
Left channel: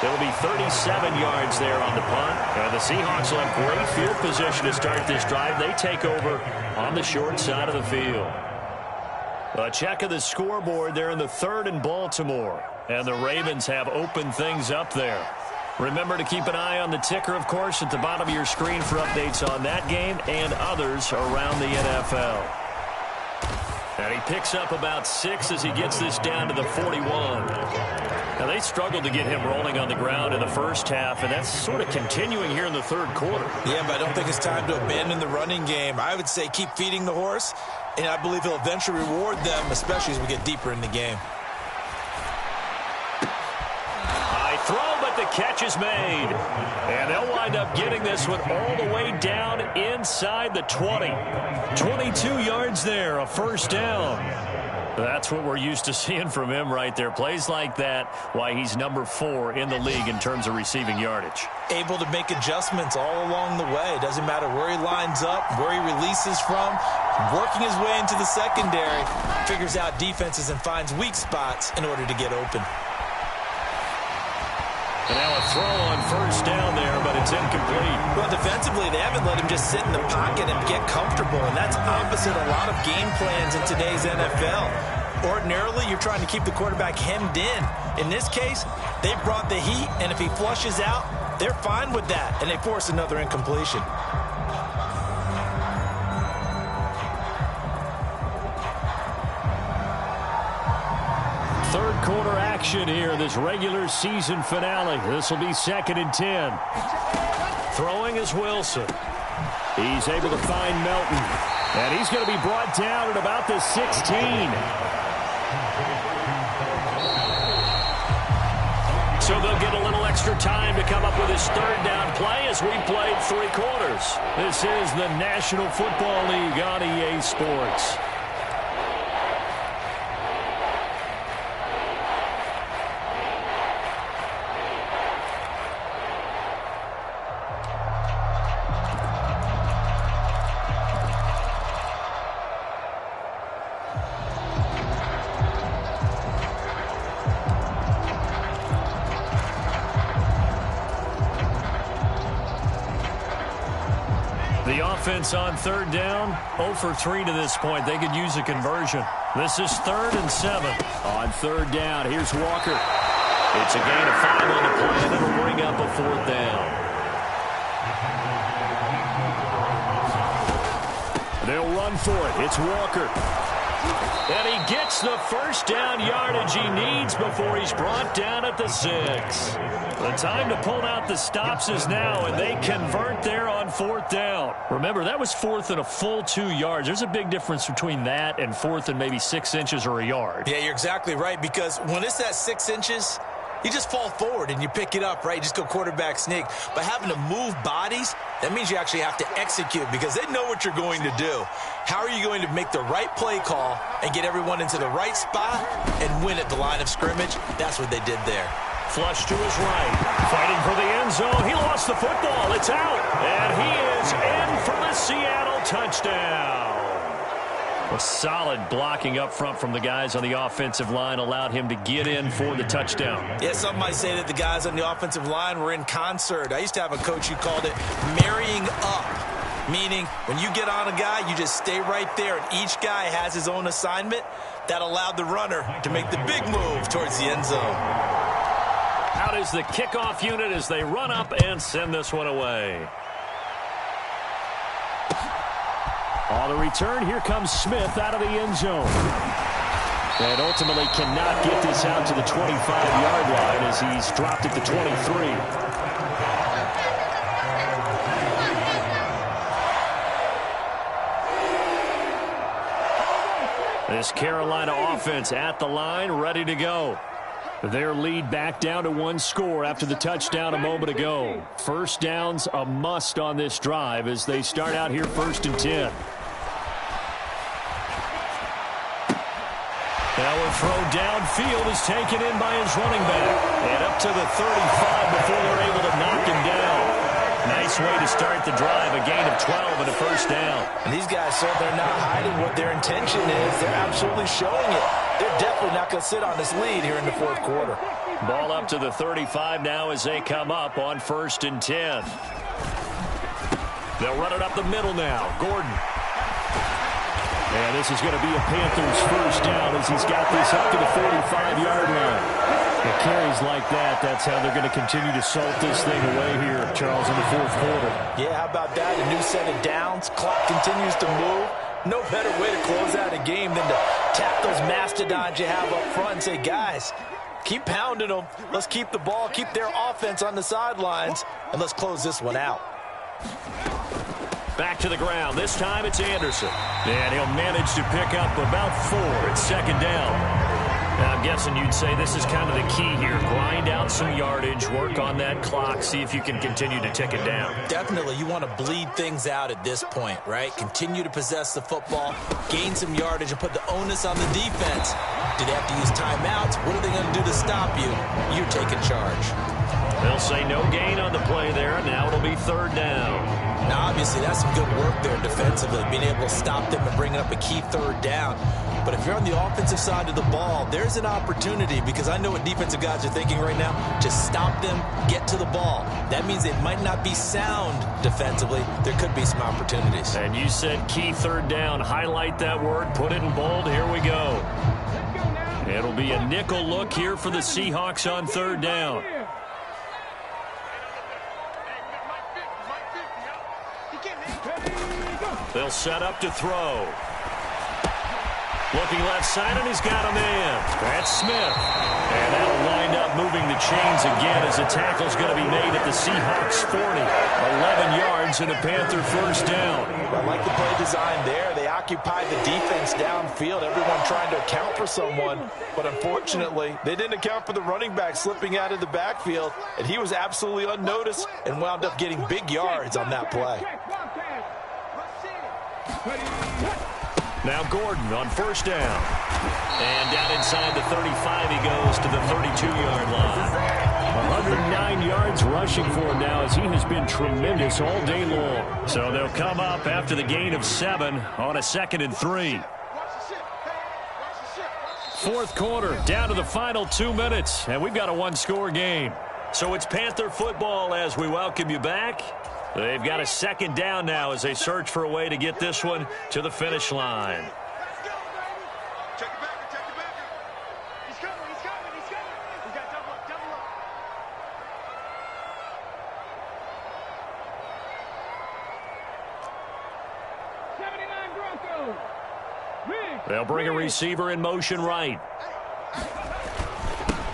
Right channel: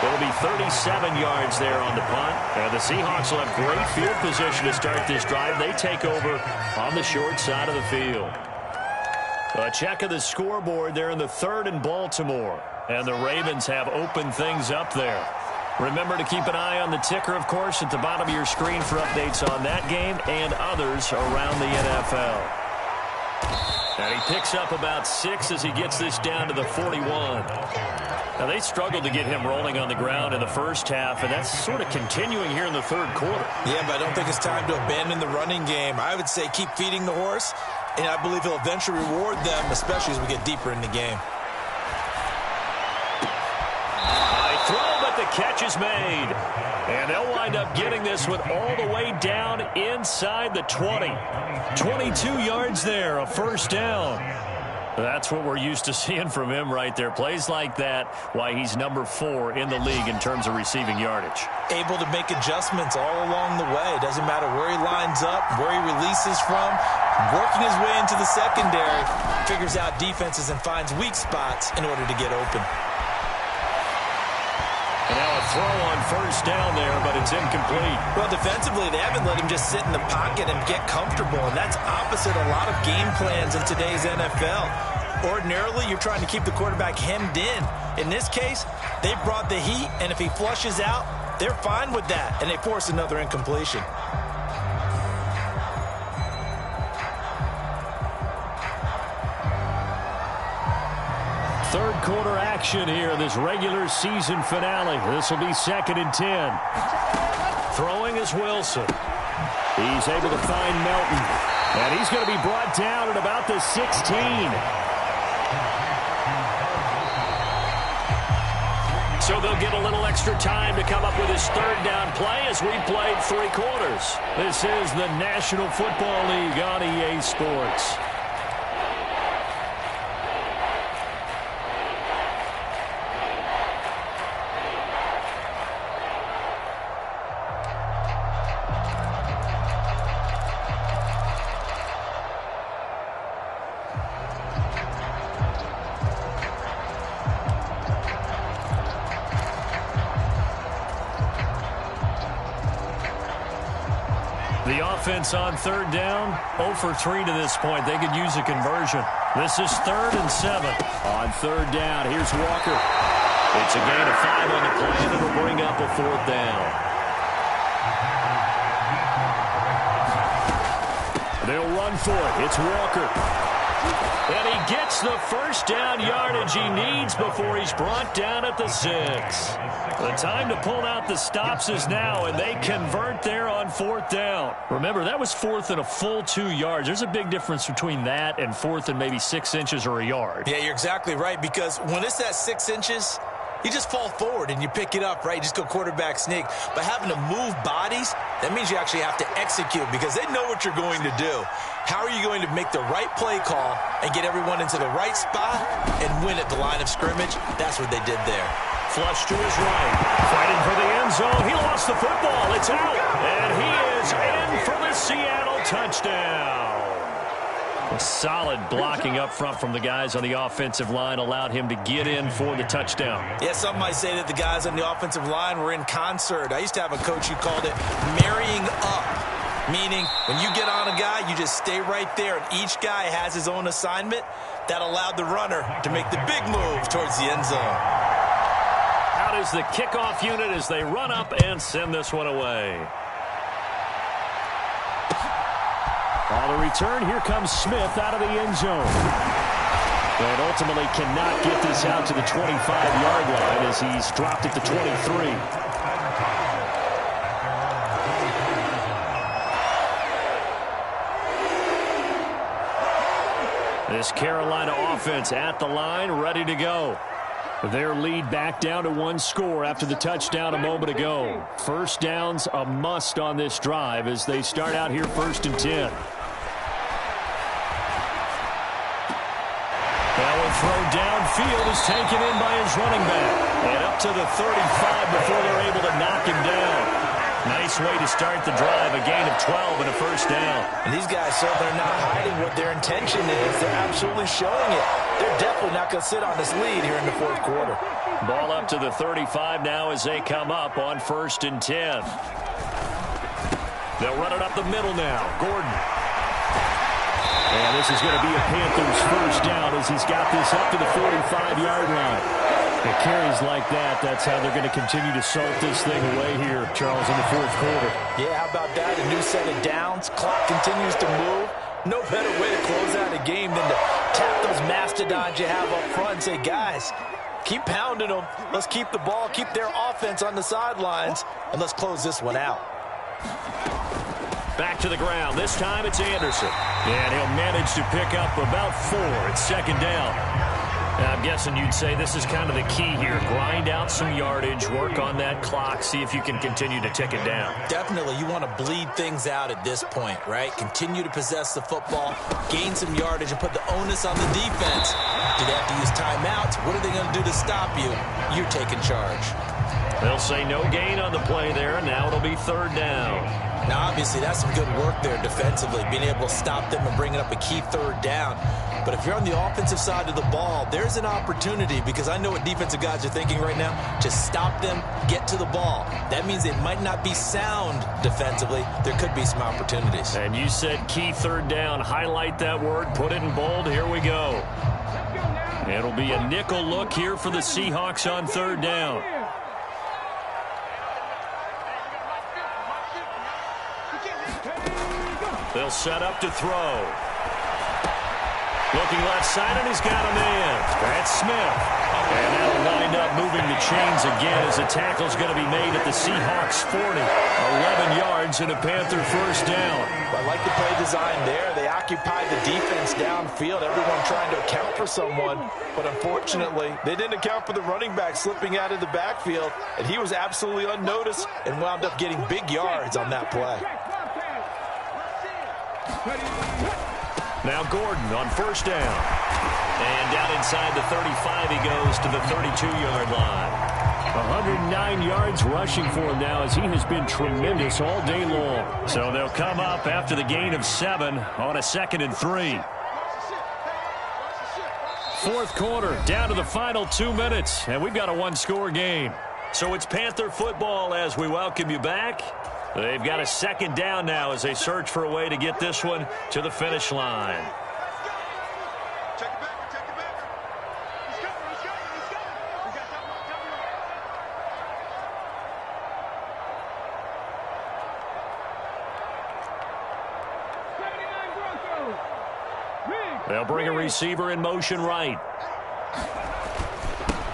It'll be 37 yards there on the punt. And the Seahawks will have great field position to start this drive. They take over on the short side of the field. A check of the scoreboard there in the 3rd and Baltimore. And the Ravens have opened things up there. Remember to keep an eye on the ticker, of course, at the bottom of your screen for updates on that game and others around the NFL. And he picks up about 6 as he gets this down to the 41. Now, they struggled to get him rolling on the ground in the first half, and that's sort of continuing here in the 3rd quarter. Yeah, but I don't think it's time to abandon the running game. I would say keep feeding the horse, and I believe he'll eventually reward them, especially as we get deeper in the game. High throw, but the catch is made. And they'll wind up getting this one all the way down inside the 20. 22 yards there, a first down. That's what we're used to seeing from him right there. Plays like that, why he's number 4 in the league in terms of receiving yardage. Able to make adjustments all along the way. Doesn't matter where he lines up, where he releases from. Working his way into the secondary, figures out defenses and finds weak spots in order to get open. And now a throw on first down there, but it's incomplete. Well, defensively, they haven't let him just sit in the pocket and get comfortable, and that's opposite a lot of game plans in today's NFL. Ordinarily, you're trying to keep the quarterback hemmed in. In this case, they brought the heat, and if he flushes out, they're fine with that, and they force another incompletion. Third quarter action here, this regular season finale. This will be 2nd and 10. Throwing is Wilson. He's able to find Melton. And he's going to be brought down at about the 16. So they'll get a little extra time to come up with his 3rd down play as we played 3 quarters. This is the National Football League on EA Sports. The offense on 3rd down, 0 for 3 to this point. They could use a conversion. This is 3rd and 7. On 3rd down, here's Walker. It's a gain of 5 on the play, and it'll bring up a 4th down. They'll run for it. It's Walker. And he gets the first down yardage he needs before he's brought down at the 6. The time to pull out the stops is now, and they convert there on 4th down. Remember, that was 4th and a full 2 yards. There's a big difference between that and 4th and maybe 6 inches or a yard. Yeah, you're exactly right, because when it's that 6 inches, you just fall forward and you pick it up, right? You just go quarterback sneak. But having to move bodies, that means you actually have to execute because they know what you're going to do. How are you going to make the right play call and get everyone into the right spot and win at the line of scrimmage? That's what they did there. Flush to his right. Fighting for the end zone. He lost the football. It's out. And he is in for the Seattle touchdown. A solid blocking up front from the guys on the offensive line allowed him to get in for the touchdown. Yeah, some might say that the guys on the offensive line were in concert. I used to have a coach who called it marrying up, meaning when you get on a guy, you just stay right there, and each guy has his own assignment. That allowed the runner to make the big move towards the end zone. Out is the kickoff unit as they run up and send this one away. On the return, here comes Smith out of the end zone. And ultimately cannot get this out to the 25-yard line as he's dropped at the 23. This Carolina offense at the line, ready to go. Their lead back down to one score after the touchdown a moment ago. First down's a must on this drive as they start out here 1st and 10. Now a throw downfield is taken in by his running back. And up to the 35 before they're able to knock him down. Nice way to start the drive, a gain of 12 and a first down. And these guys certainly are not hiding what their intention is. They're absolutely showing it. They're definitely not going to sit on this lead here in the 4th quarter. Ball up to the 35 now as they come up on 1st and 10. They'll run it up the middle now. Gordon. And this is going to be a Panthers first down as he's got this up to the 45-yard line. It carries like that. That's how they're going to continue to salt this thing away here, Charles, in the 4th quarter. Yeah, how about that? A new set of downs. Clock continues to move. No better way to close out a game than to tap those mastodons you have up front and say, guys, keep pounding them. Let's keep the ball, keep their offense on the sidelines, and let's close this one out. Back to the ground. This time it's Anderson. And he'll manage to pick up about 4. It's 2nd down. I'm guessing you'd say this is kind of the key here. Grind out some yardage, work on that clock, see if you can continue to tick it down. Definitely. You want to bleed things out at this point, right? Continue to possess the football, gain some yardage, and put the onus on the defense. Do they have to use timeouts? What are they going to do to stop you? You're taking charge. They'll say no gain on the play there. Now it'll be 3rd down. Now, obviously, that's some good work there defensively, being able to stop them and bringing up a key 3rd down. But if you're on the offensive side of the ball, there's an opportunity, because I know what defensive guys are thinking right now, to stop them, get to the ball. That means they might not be sound defensively. There could be some opportunities. And you said key 3rd down. Highlight that word, put it in bold. Here we go. It'll be a nickel look here for the Seahawks on 3rd down. They'll set up to throw. Looking left side, and he's got a man. That's Smith. And that'll wind up moving the chains again as the tackle's going to be made at the Seahawks 40. 11 yards and a Panther first down. Well, I like the play design there. They occupied the defense downfield, everyone trying to account for someone. But unfortunately, they didn't account for the running back slipping out of the backfield. And he was absolutely unnoticed and wound up getting big yards on that play. Now Gordon on 1st down. And down inside the 35 he goes to the 32-yard line. 109 yards rushing for him now as he has been tremendous all day long. So they'll come up after the gain of 7 on a 2nd and 3. 4th quarter, down to the final 2 minutes, and we've got a 1-score game. So it's Panther football as we welcome you back. They've got a 2nd down now as they search for a way to get this one to the finish line. Check it back, check it back. He's coming, he's coming, he's coming. We got double up, double up. They'll bring a receiver in motion right.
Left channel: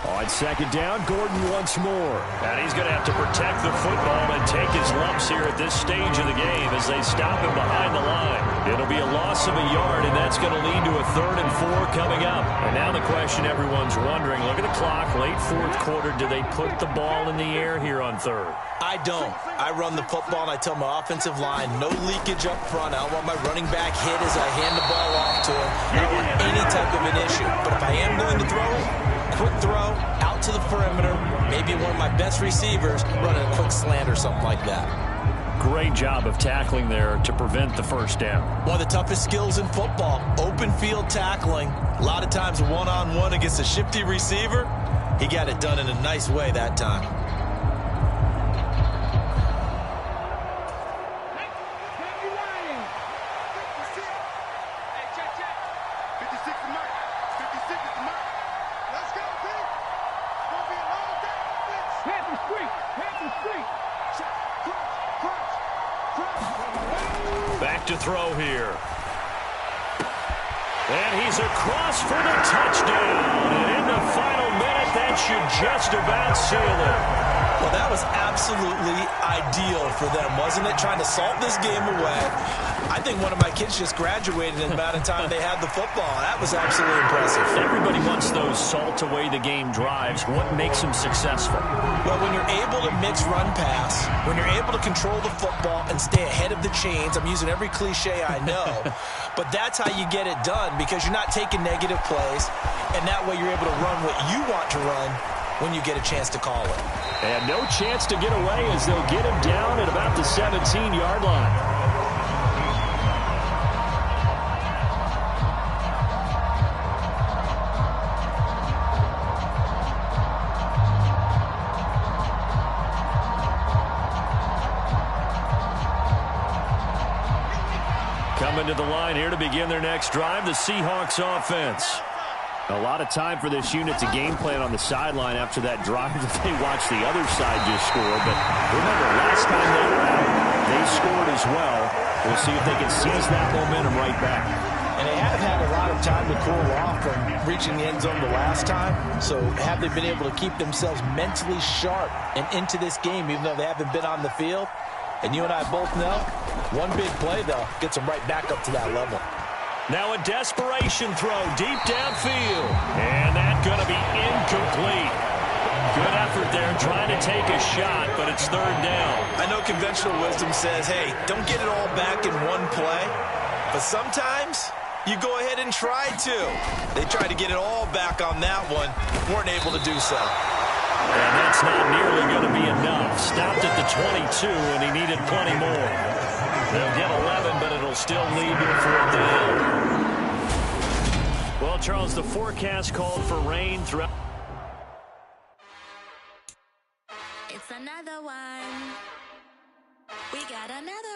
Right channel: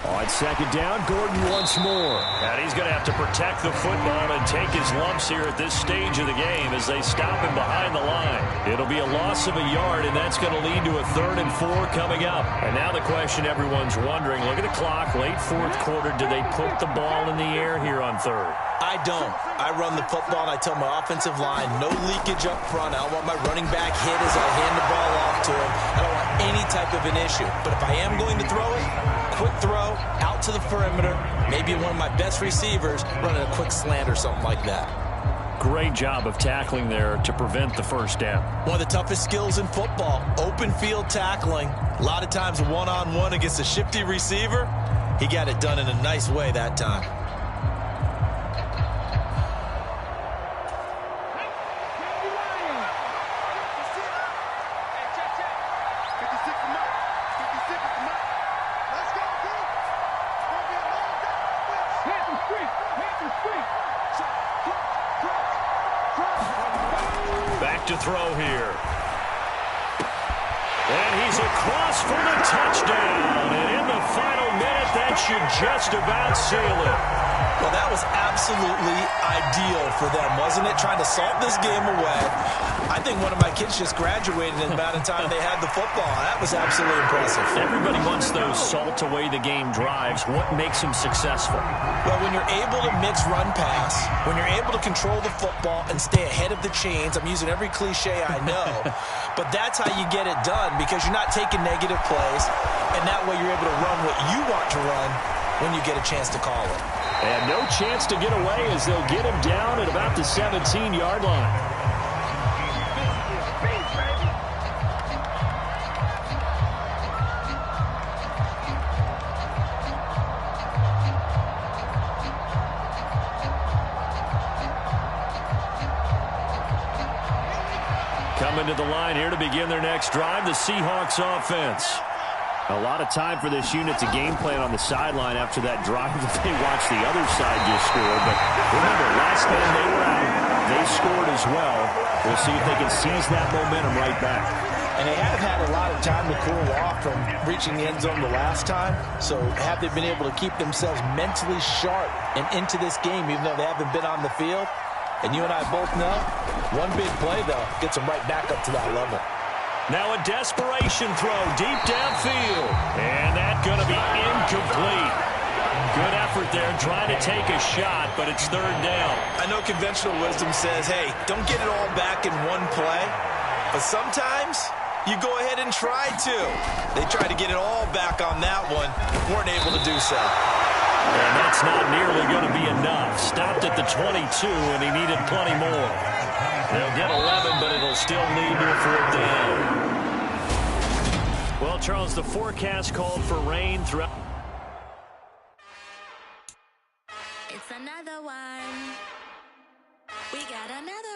On 2nd down, Gordon once more. And he's going to have to protect the football and take his lumps here at this stage of the game as they stop him behind the line. It'll be a loss of a yard, and that's going to lead to a 3rd and 4 coming up. And now the question everyone's wondering, look at the clock, late 4th quarter, do they put the ball in the air here on 3rd? I don't. I run the football, and I tell my offensive line, no leakage up front. I don't want my running back hit as I hand the ball off to him. I don't want any type of an issue. But if I am going to throw it, quick throw, out to the perimeter, maybe one of my best receivers running a quick slant or something like that. Great job of tackling there to prevent the first down. One of the toughest skills in football, open field tackling. A lot of times one-on-one against a shifty receiver. He got it done in a nice way that time. Back to throw here. And he's across for the touchdown. And in the final minute, that should just about seal it. Well, that was absolutely ideal for them, wasn't it? Trying to salt this game away. I think one of my kids just graduated in the amount of time they had the football. That was absolutely impressive. Everybody wants those salt away the game drives. What makes them successful? Well, when you're able to mix run pass, when you're able to control the football and stay ahead of the chains, I'm using every cliche I know, but that's how you get it done because you're not taking negative plays, and that way you're able to run what you want to run when you get a chance to call it. And no chance to get away as they'll get him down at about the 17-yard line. Coming to the line here to begin their next drive, the Seahawks offense. A lot of time for this unit to game plan on the sideline after that drive that they watched the other side just score. But remember, last time they were out, they scored as well. We'll see if they can seize that momentum right back. And they have had a lot of time to cool off from reaching the end zone the last time. So have they been able to keep themselves mentally sharp and into this game, even though they haven't been on the field? And you and I both know, one big play, though, gets them right back up to that level. Now a desperation throw deep downfield. And that's going to be incomplete. Good effort there trying to take a shot, but it's third down. I know conventional wisdom says, hey, don't get it all back in one play. But sometimes you go ahead and try to. They tried to get it all back on that one. Weren't able to do so. And that's not nearly going to be enough. Stopped at the 22, and he needed plenty more. They'll get 11, but it'll still lead to a fourth down. Well, Charles, the forecast called for rain throughout. It's another one. We got another